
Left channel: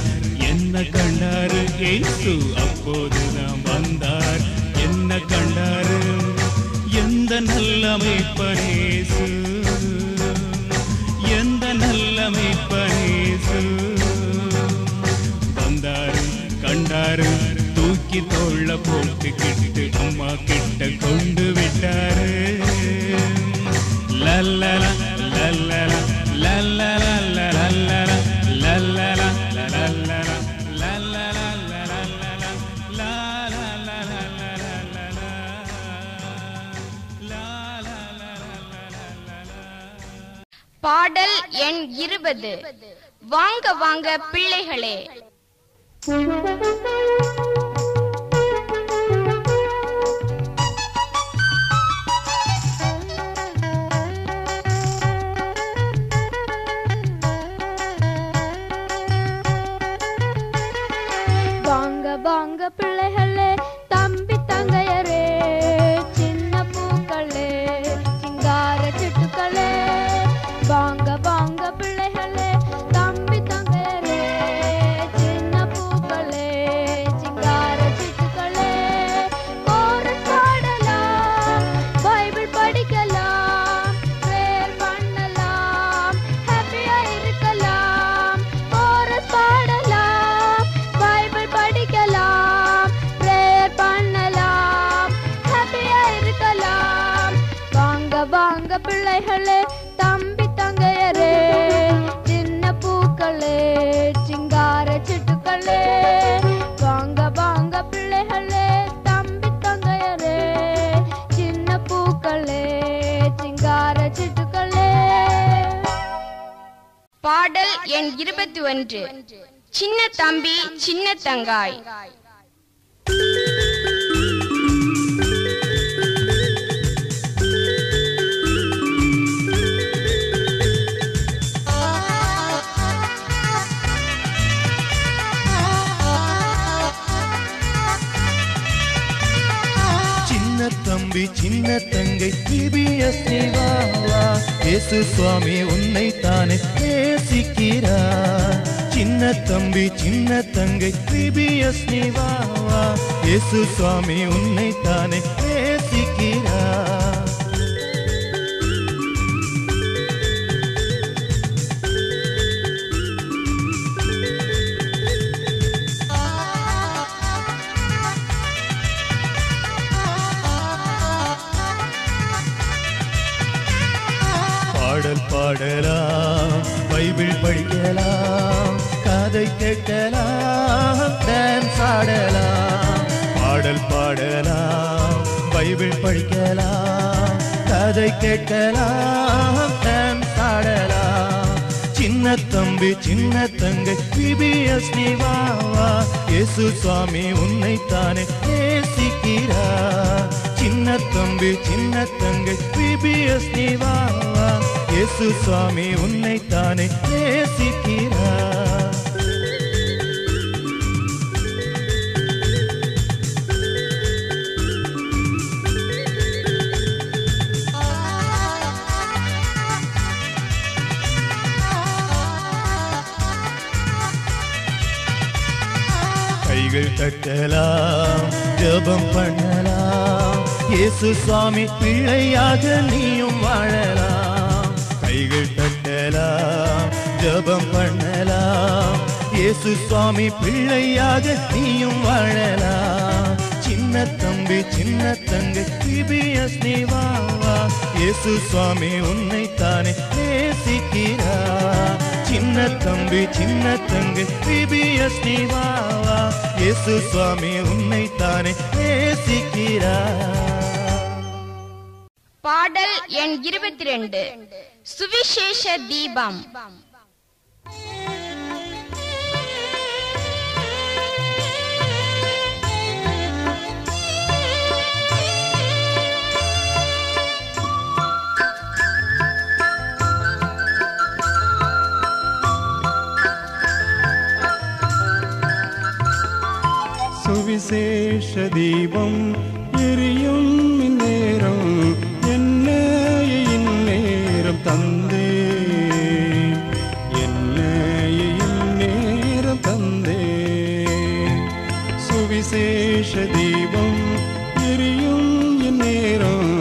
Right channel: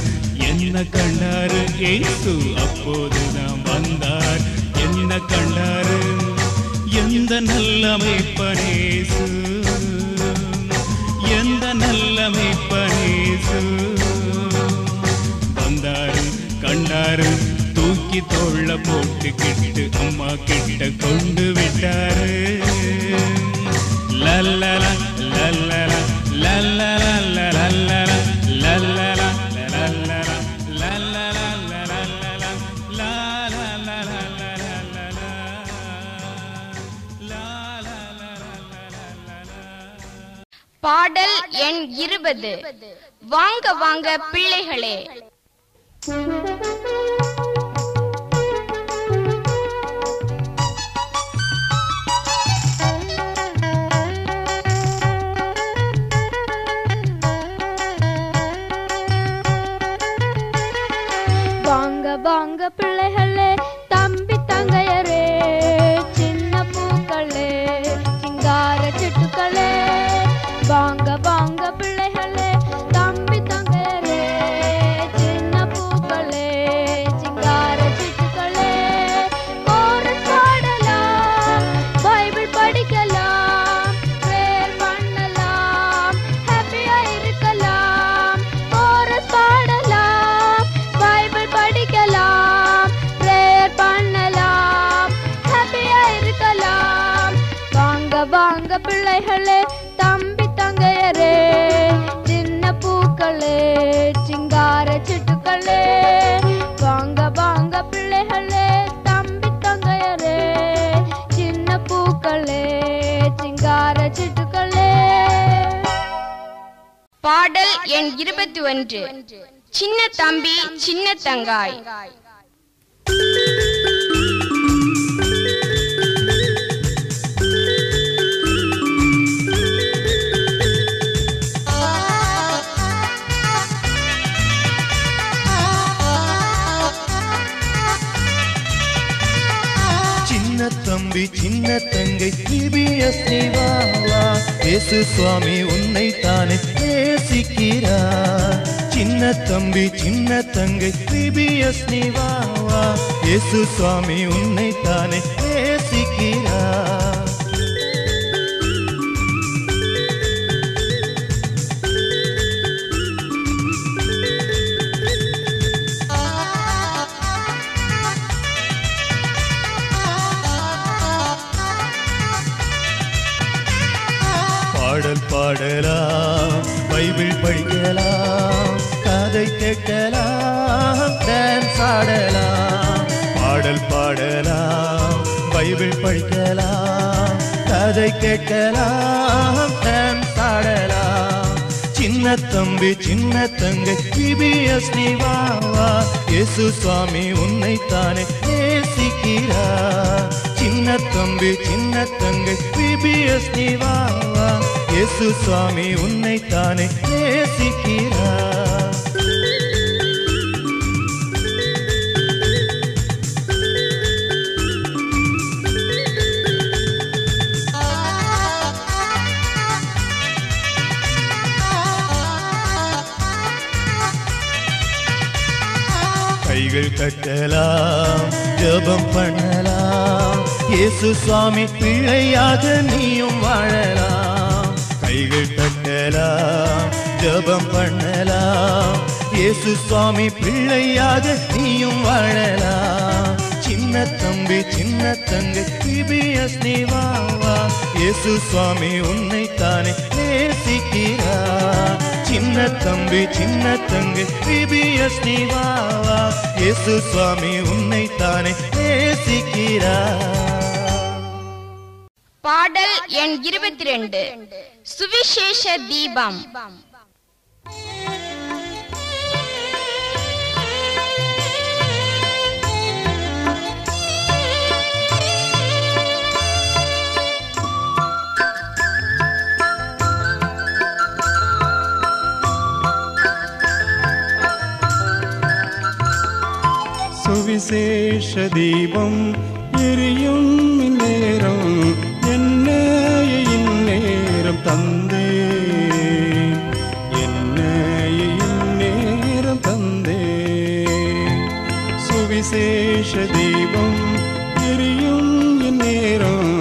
என்ன கண்டாரு இயேசு, அப்போதுதான் வந்தார், என்ன கண்டாரு, எந்த நல்ல மேய்ப்பனேசு, எந்த நல்ல மேய்ப்பனேசு. வந்தாரு, கண்டாரு, தூக்கி தோள்ள போட்டுக்கிட்டு அம்மா கிட்ட கொண்டு விட்டாரு. லல்லல லல்லல லல்லல லல்லல லல்லல லல்லல பாடல் எண் 20. வாங்க வாங்க பிள்ளைகளே. வாங்க வாங்க பிள்ளைகளே, தம்பி தங்கையரே, சின்ன பூக்களே, சிங்கார சிட்டுக்களே. வாங்க வாங்க பிள்ளைகளே, தம்பி தங்கையரே, சின்ன பூக்களே, சிங்கார சிட்டுக்களே. கோரஸ் பாடலாம், பைபிள் படிக்கலாம், பிரேயர் பண்ணலாம், ஹாப்பியா இருக்கலாம். கோரஸ் பாடலாம், பைபிள் படிக்கலாம், பிரேயர் பண்ணலாம், ஹாப்பியா இருக்கலாம். வாங்க வாங்க பிள்ளைகளே, தம்பி தங்கையரே, சின்ன பூக்களே, சிங்கார சிட்டுக்களே. வாங்க வாங்க பிள்ளைகளே, தம்பி தங்கையரே, சின்ன பூக்களே, சிங்கார சிட்டுக்களே. பாடல் எண் 21. சின்ன தம்பி சின்ன தங்காய். சின்ன தம்பி சின்ன தங்கை CBS வாவா, இயேசு சுவாமி உன்னை தானே நேசிக்கிறார். சின்ன தம்பி சின்ன தங்கை CBS வாவா, இயேசு சுவாமி உன்னை தானே நேசிக்கிறார். பாடல் பாடலாம், பைபிள் படிக்கலாம், கதை கேட்கலாம், டான்ஸ் ஆடலாம். பாடல் பாடலாம், பைபிள் படிக்கலாம், கதை கேட்கலாம், டான்ஸ் ஆடலாம். சின்ன தம்பி சின்ன தங்கை CBS வாவா, இயேசு சுவாமி உன்னை தானே நேசிக்கிறார். சின்ன தம்பி சின்ன தங்கை CBS வாவா, இயேசு சுவாமி உன்னை தானே நேசிக்கிறார். கைகள் கட்டலாம், ஜெபம் பண்ணலாம், இயேசு சுவாமி பிள்ளையாக நீயும் வாழலாம். கைகள் கட்டலாம், ஜெபம் பண்ணலாம், இயேசு சுவாமி பிள்ளையாக நீயும் வாழலாம். சின்ன தம்பி சின்ன தங்கை CBS வாவா, இயேசு சுவாமி உன்னை தானே நேசிக்கிறார். சின்ன தம்பி சின்ன தங்கை CBS வாவா, இயேசு சுவாமி உன்னை தானே நேசிக்கிறார். பாடல் எண் 22. சுவிசேஷ தீபம். சுவிசேஷ தீபம் எரியும் இந்நேரம் என்னையே இந்நேரம் தந்தே என்னையே இந்நேரம் தந்தே சுவிசேஷ தீபம் எரியும் இந்நேரம்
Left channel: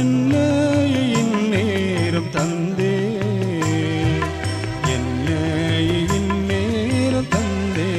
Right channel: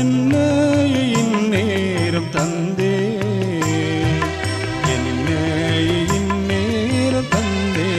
என்னையே இந்நேரம் தந்தே என்னையே இந்நேரம் தந்தே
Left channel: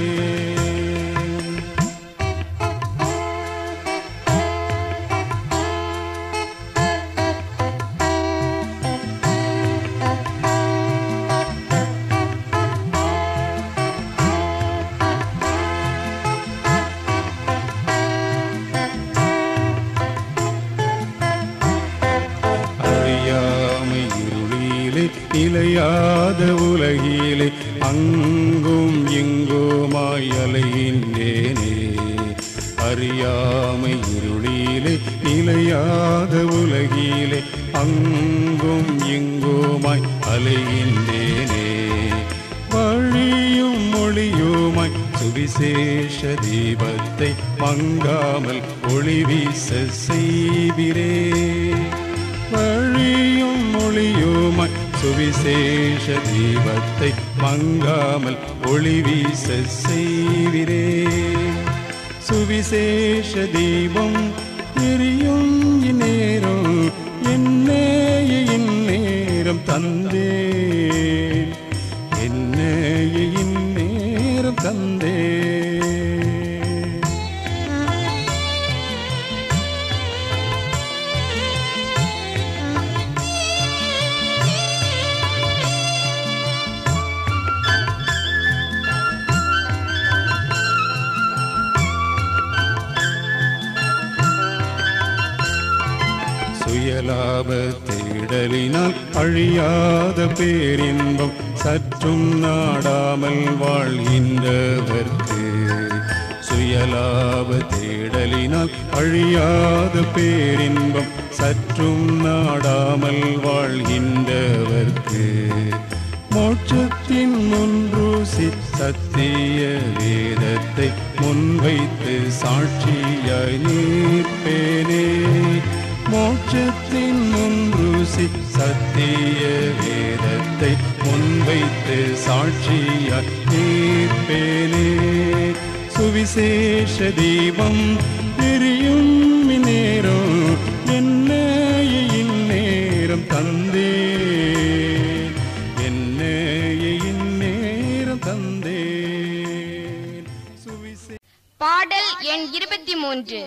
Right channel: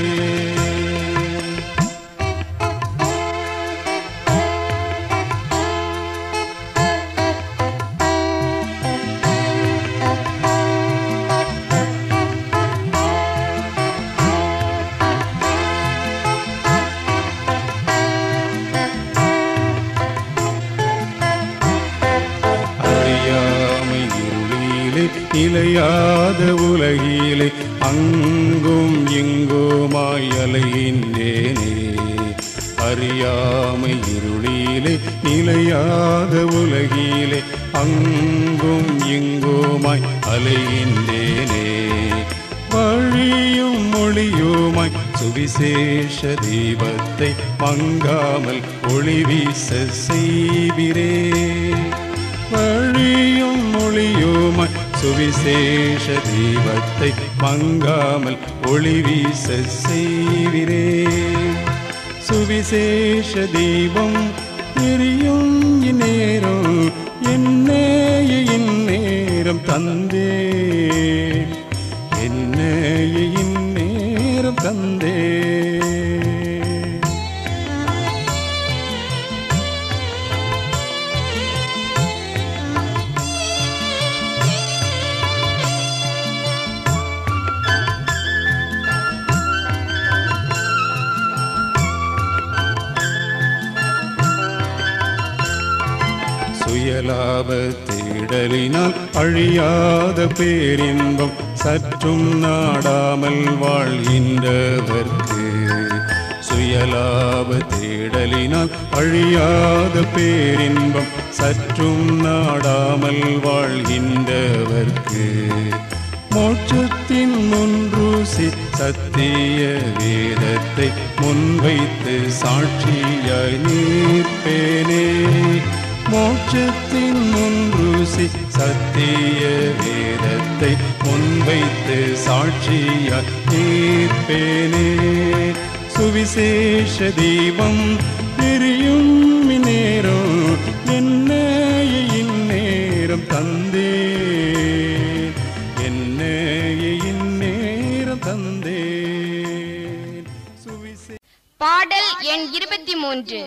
இலையாத உலகிலே அங்கும் இங்குமாய் அலைகின்றேனே அறியாமை இருளிலே நிலையாத உலகிலே அங்கும் இங்குமாய் அலைகின்றேனே வழியும் மொழியுமாய் சுவிசேஷ தீபத்தை மங்காமல் ஒளி வீச செய்கிறே வழியும் மொழியுமாய் சுவிசேஷ தீபத்தை மங்காமல் ஒளி வீச செய்கிறே சுவிசேஷ தீபம் எரியும் இந்நேரம் என்னையே இந்நேரம் தந்தே என்னையே இந்நேரம் தந்தே சுயலாப தேடலினால் அழியாத பேரின்பம் சற்றும் நாடாமல் வாழ்கின்றவர்க்கு சுயலாப தேடலினால் அழியாத பேரின்பம் சற்றும் நாடாமல் வாழ்கின்றவர்க்கு மோட்சத்தின் முன்றுசி சத்திய வேதத்தை முன்வைத்து சாட்சியாய் நிற்பேனே மோட்சத்தின் முன்றுசி சத்திய வேதத்தை முன்வைத்து சாட்சியாய் நிற்பேனே சுவிசேஷ தீபம் எரியும் இந்நேரம் என்னையே இந்நேரம் தந்தே என்னையே இந்நேரம் தந்தே பாடல் எண் 23.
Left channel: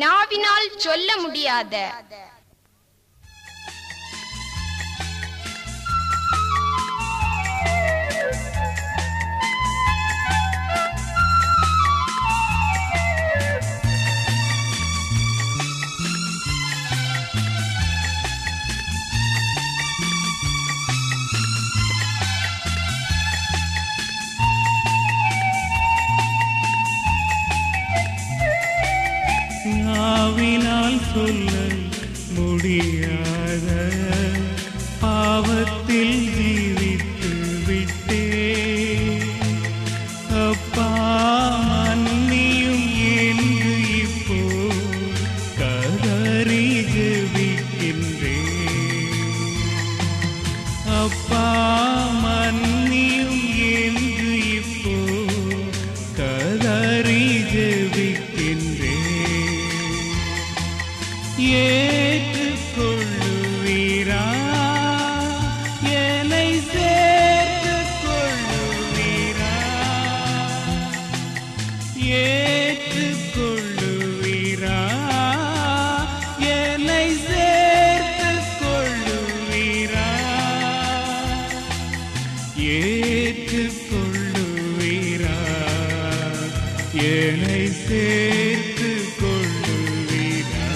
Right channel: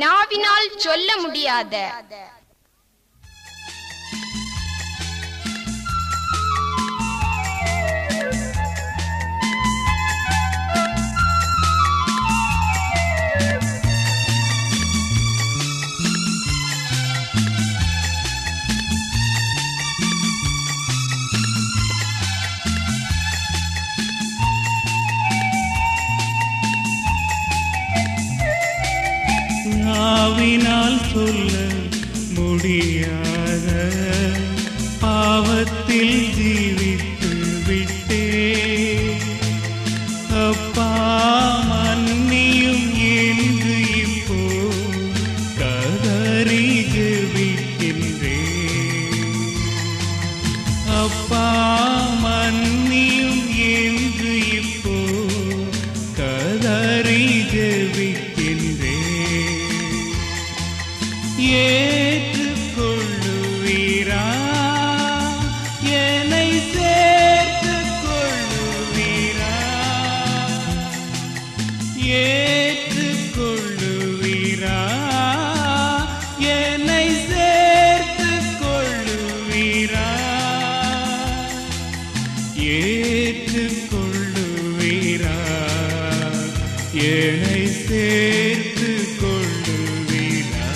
நாவினால் சொல்ல முடியாத. நாவினால் சொல்ல முடியாத பாவத்தில் ஜீவித்து விட்டே அப்பா மன்னியும் என்று இப்போ கதறி ஜெபிக்கின்றேன் அப்பா மன்னியும் என்று இப்போ கதறி ஜெபிக்கின்றேன் ஏற்றுக்கொள்ளுவீரா என்னை சேர்த்துக் கொள்ளுவீரா ஏற்றுக்கொள்ளுவீரா என்னை சேர்த்துக் கொள்ளுவீரா ஏற்றுக்கொள்ளுவீரா என்னை சேர்த்துக் கொள்ளுவீரா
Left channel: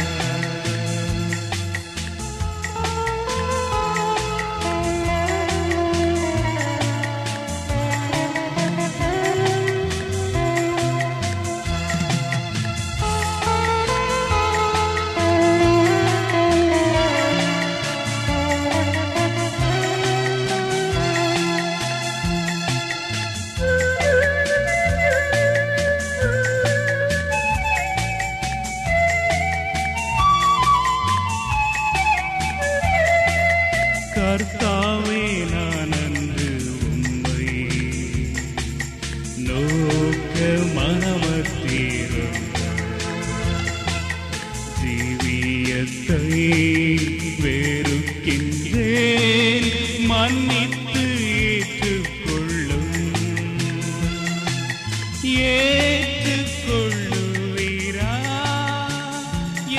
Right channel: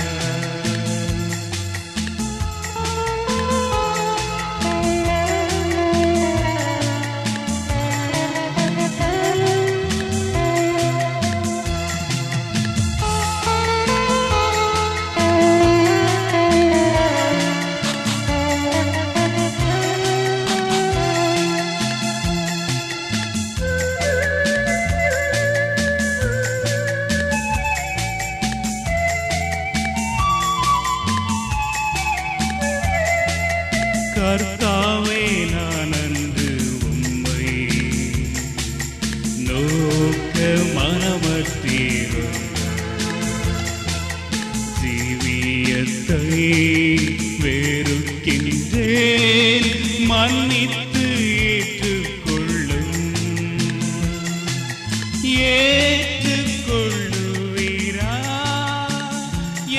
ஏற்றுக்கொள்ளுவீரா?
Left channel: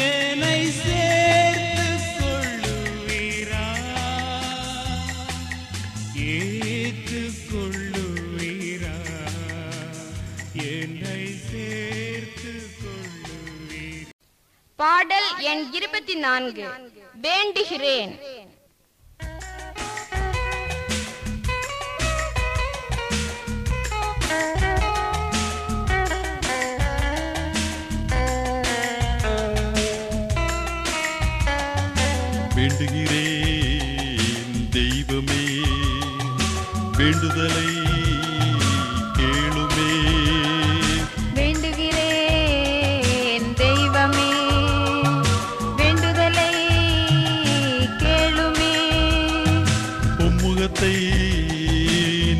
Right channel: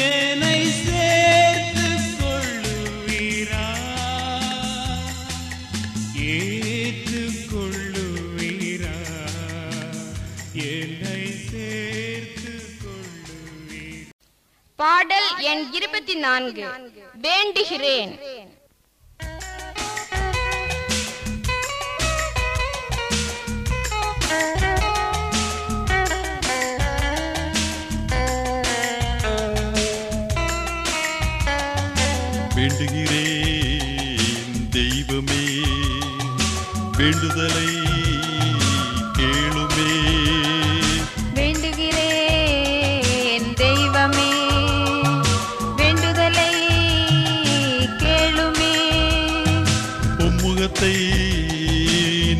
என்னை சேர்த்துக் கொள்ளுவீரா? ஏற்றுக்கொள்ளுவீரா? என்னை சேர்த்துக் கொள்ளுவீரா? பாடல் எண் 24. வேண்டுகிறேன். வேண்டுகிறேன் தெய்வமே, வேண்டுதலை கேளுமே. வேண்டுகிறேன் தெய்வமே, வேண்டுதலை கேளுமே. உம்முகத்தை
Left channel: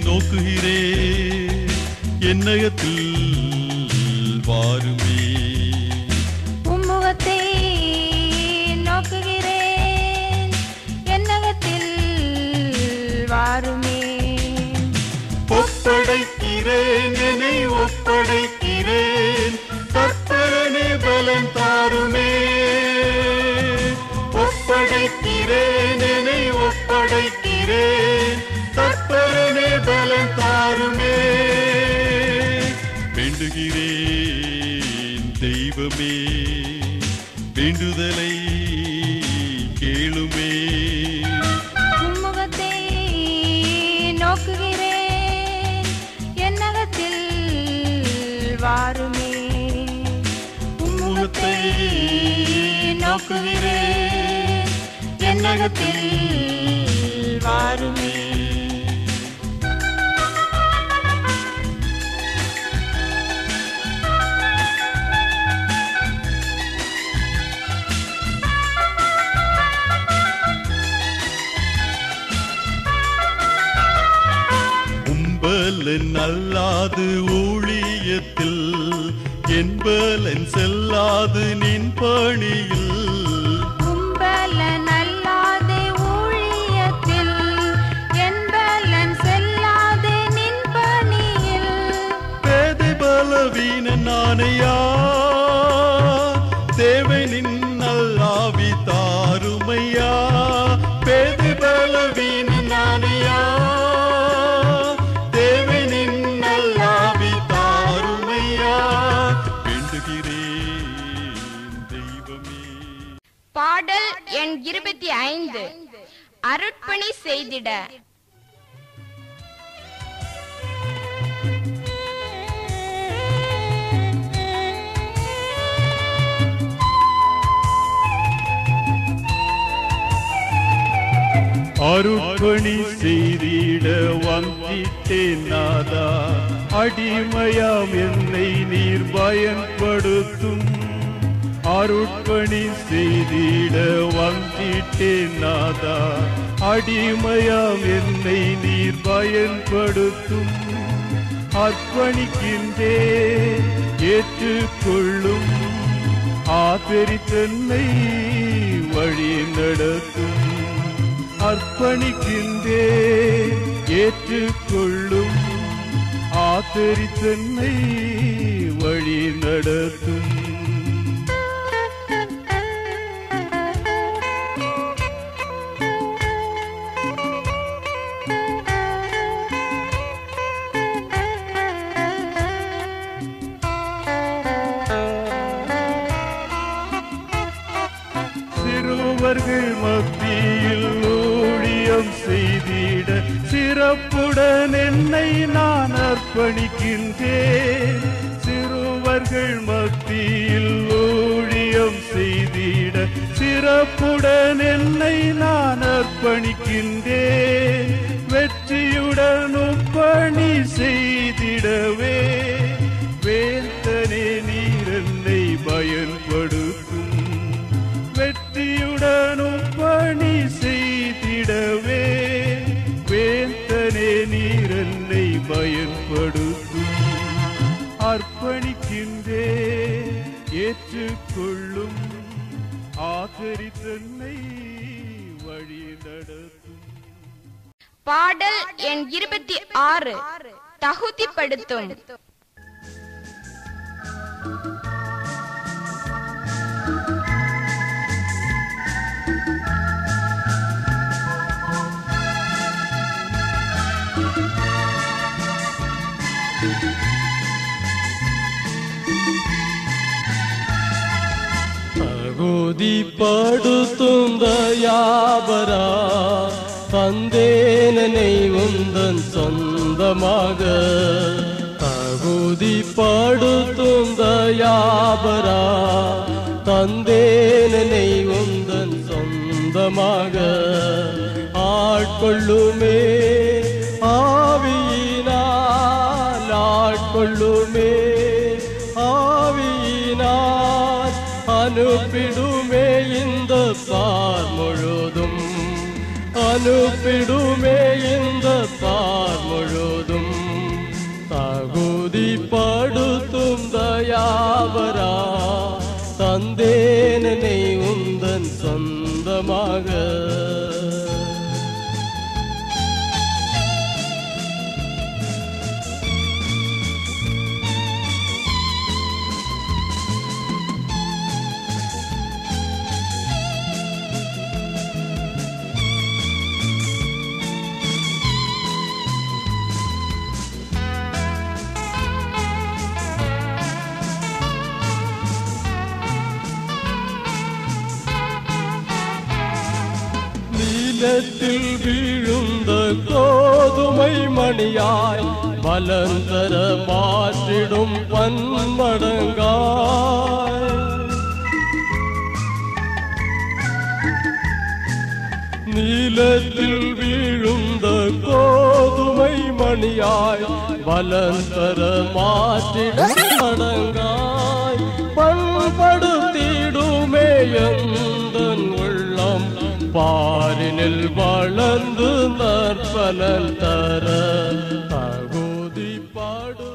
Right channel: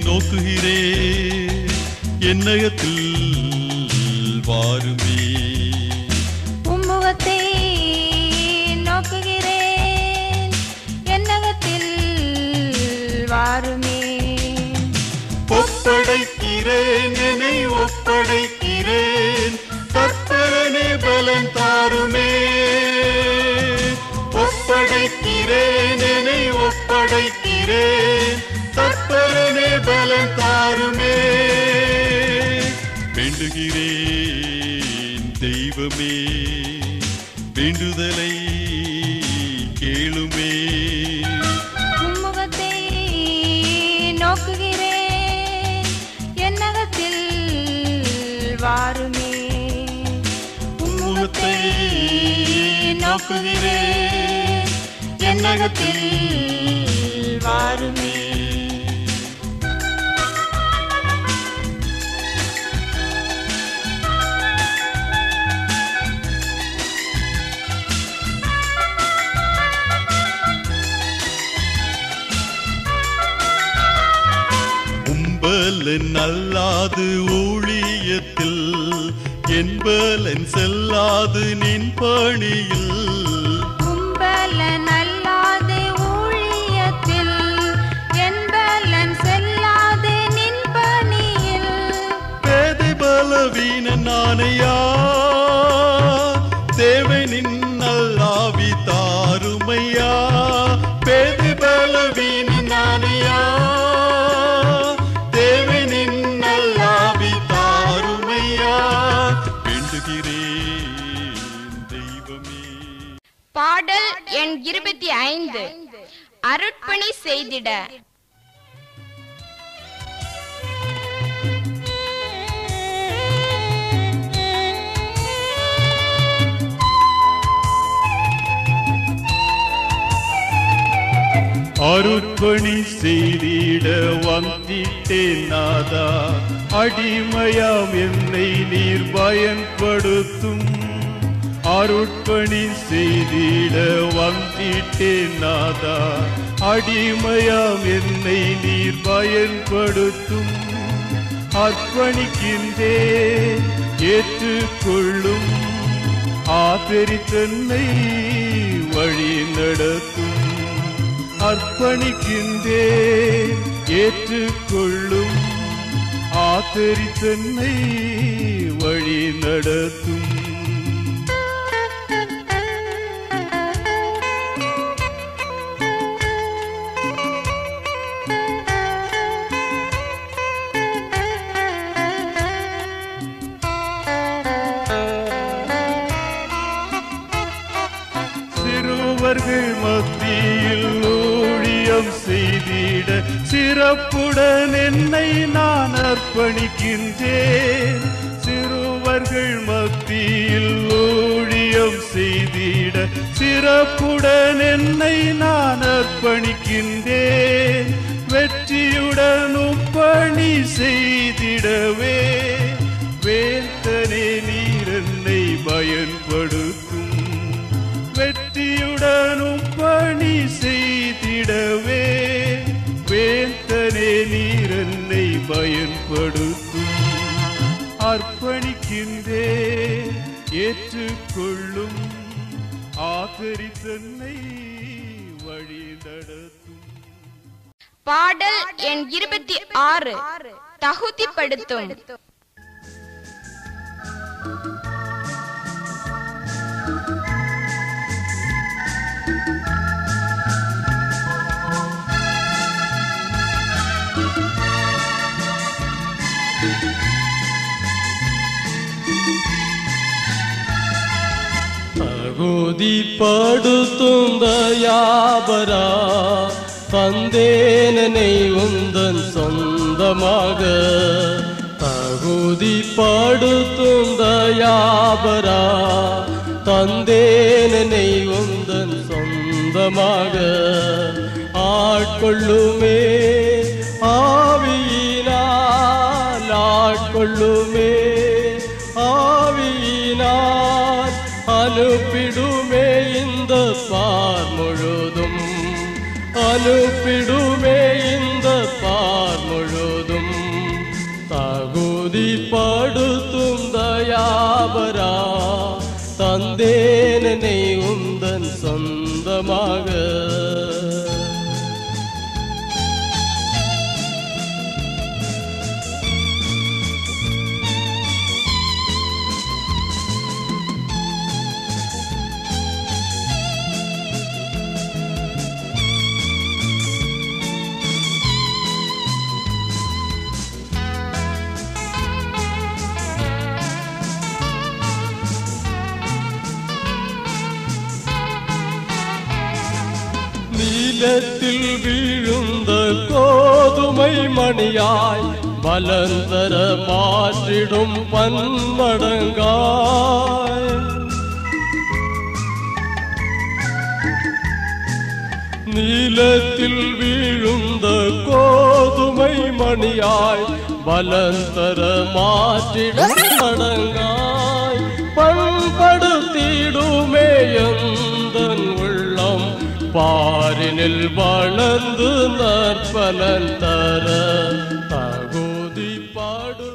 நோக்குகிறேன், என்னகத்தில் வாருமே. உம்முகத்தை நோக்குகிறேன், என்னகத்தில் வாருமே. ஒப்படைக்கிறேன், என்னை ஒப்படைக்கிறேன், கர்த்தரே பலம் தாருமே. ஒப்படைக்கிறேன், என்னை ஒப்படைக்கிறேன், கர்த்தரே பலம் தாருமே. வேண்டுகிறேன் தெய்வமே, வேண்டுதலை கேளுமே. உம்முகத்தை நோக்குகிறேன், என்னகத்தில் வாருமே. உம்முகத்தை நோக்குகிறேன், என்னகத்தில் வாருமே. உம்பலன் அல்லாது ஊழியத்தில், என்பலன் செல்லாது நின் பணியில். உம்பலன் அல்லாது ஊழியத்தில், என்பலன் செல்லாது நின் பணியில். பேதை பலவீன நானையா, தேவனின் நல்லாவி தாருமையா. பேதை பலவீன நானையா, தேவனின் நல்லாவி தாருமையா. வேண்டுகிறேன் தெய்வமே. பாடல் எண் 25. அருட்பணி செய்திட. அருட்பணி செய்திட வந்திட்டேன் நாதா, அடிமையாம் என்னை நீர் பயன்படுத்தும். அருட்பணி செய்திட வந்திட்டேன் நாதா, அடிமையாம் என்னை நீர் பயன்படுத்தும். அர்ப்பணிக்கின்றேன் ஏற்றுக்கொள்ளும், ஆதரித்தென்னை வழி நடத்தும். அர்ப்பணிக்கின்றேன் ஏற்றுக்கொள்ளும், ஆதரித்தென்னை வழி நடத்தும். சிறுவர்கள் மத்தியில் ஊழியம் செய்திட, சிறப்புடன் என்னை நான் அர்ப்பணிக்கின்றேன். சிறுவர்கள் மத்தியில் ஊழியம் செய்திட, சிறப்புடன் என்னை நான் அர்ப்பணிக்கின்றேன். வெற்றியுடனும் பணி செய்திடவே, வேந்தனே நீர் என்னை பயன்படுத்தும். வெற்றியுடனும் பணி செய்திடவே, வேந்தனே நீர் என்னை பயன்படுத்தும். அர்ப்பணிக்கின்றேன் ஏற்றுக்கொள்ளும், ஆதரித்தென்னை வழி நடத்தும். பாடல் எண் 26. தகுதிப்படுத்தும். தகுதிப்படுத்தும் தயாபரா தந்தேனனை உந்தன் சொந்தமாக. தகுதிப்படுத்தும் தயாபரா தந்தேனனை உந்தன் சொந்தமாக. ஆட்கொள்ளுமே ஆவியினால், ஆட்கொள்ளுமே ஆவியினால், அனுப்பிடுமே இந்த பார் முழுதும், அனுப்பிடுமே இந்த பார் முழுதும். தகுதிப்படுத்தும் தயாபரா தந்தேனனை உந்தன் சொந்தமாக. நீலத்தில் வீழுந்த கோதுமை மணியாய் மலர்ந்தர மாற்றிடும் பன்மடங்காய். நீலத்தில் வீழுந்த கோதுமை மணியாய் மலர்ந்தர மாற்றிடும் மடங்காய். பண்படுத்திடுமே எந்தன் உள்ளம், பாரினில் வளர்ந்து நற்பலன் தர. தகுதிப்படு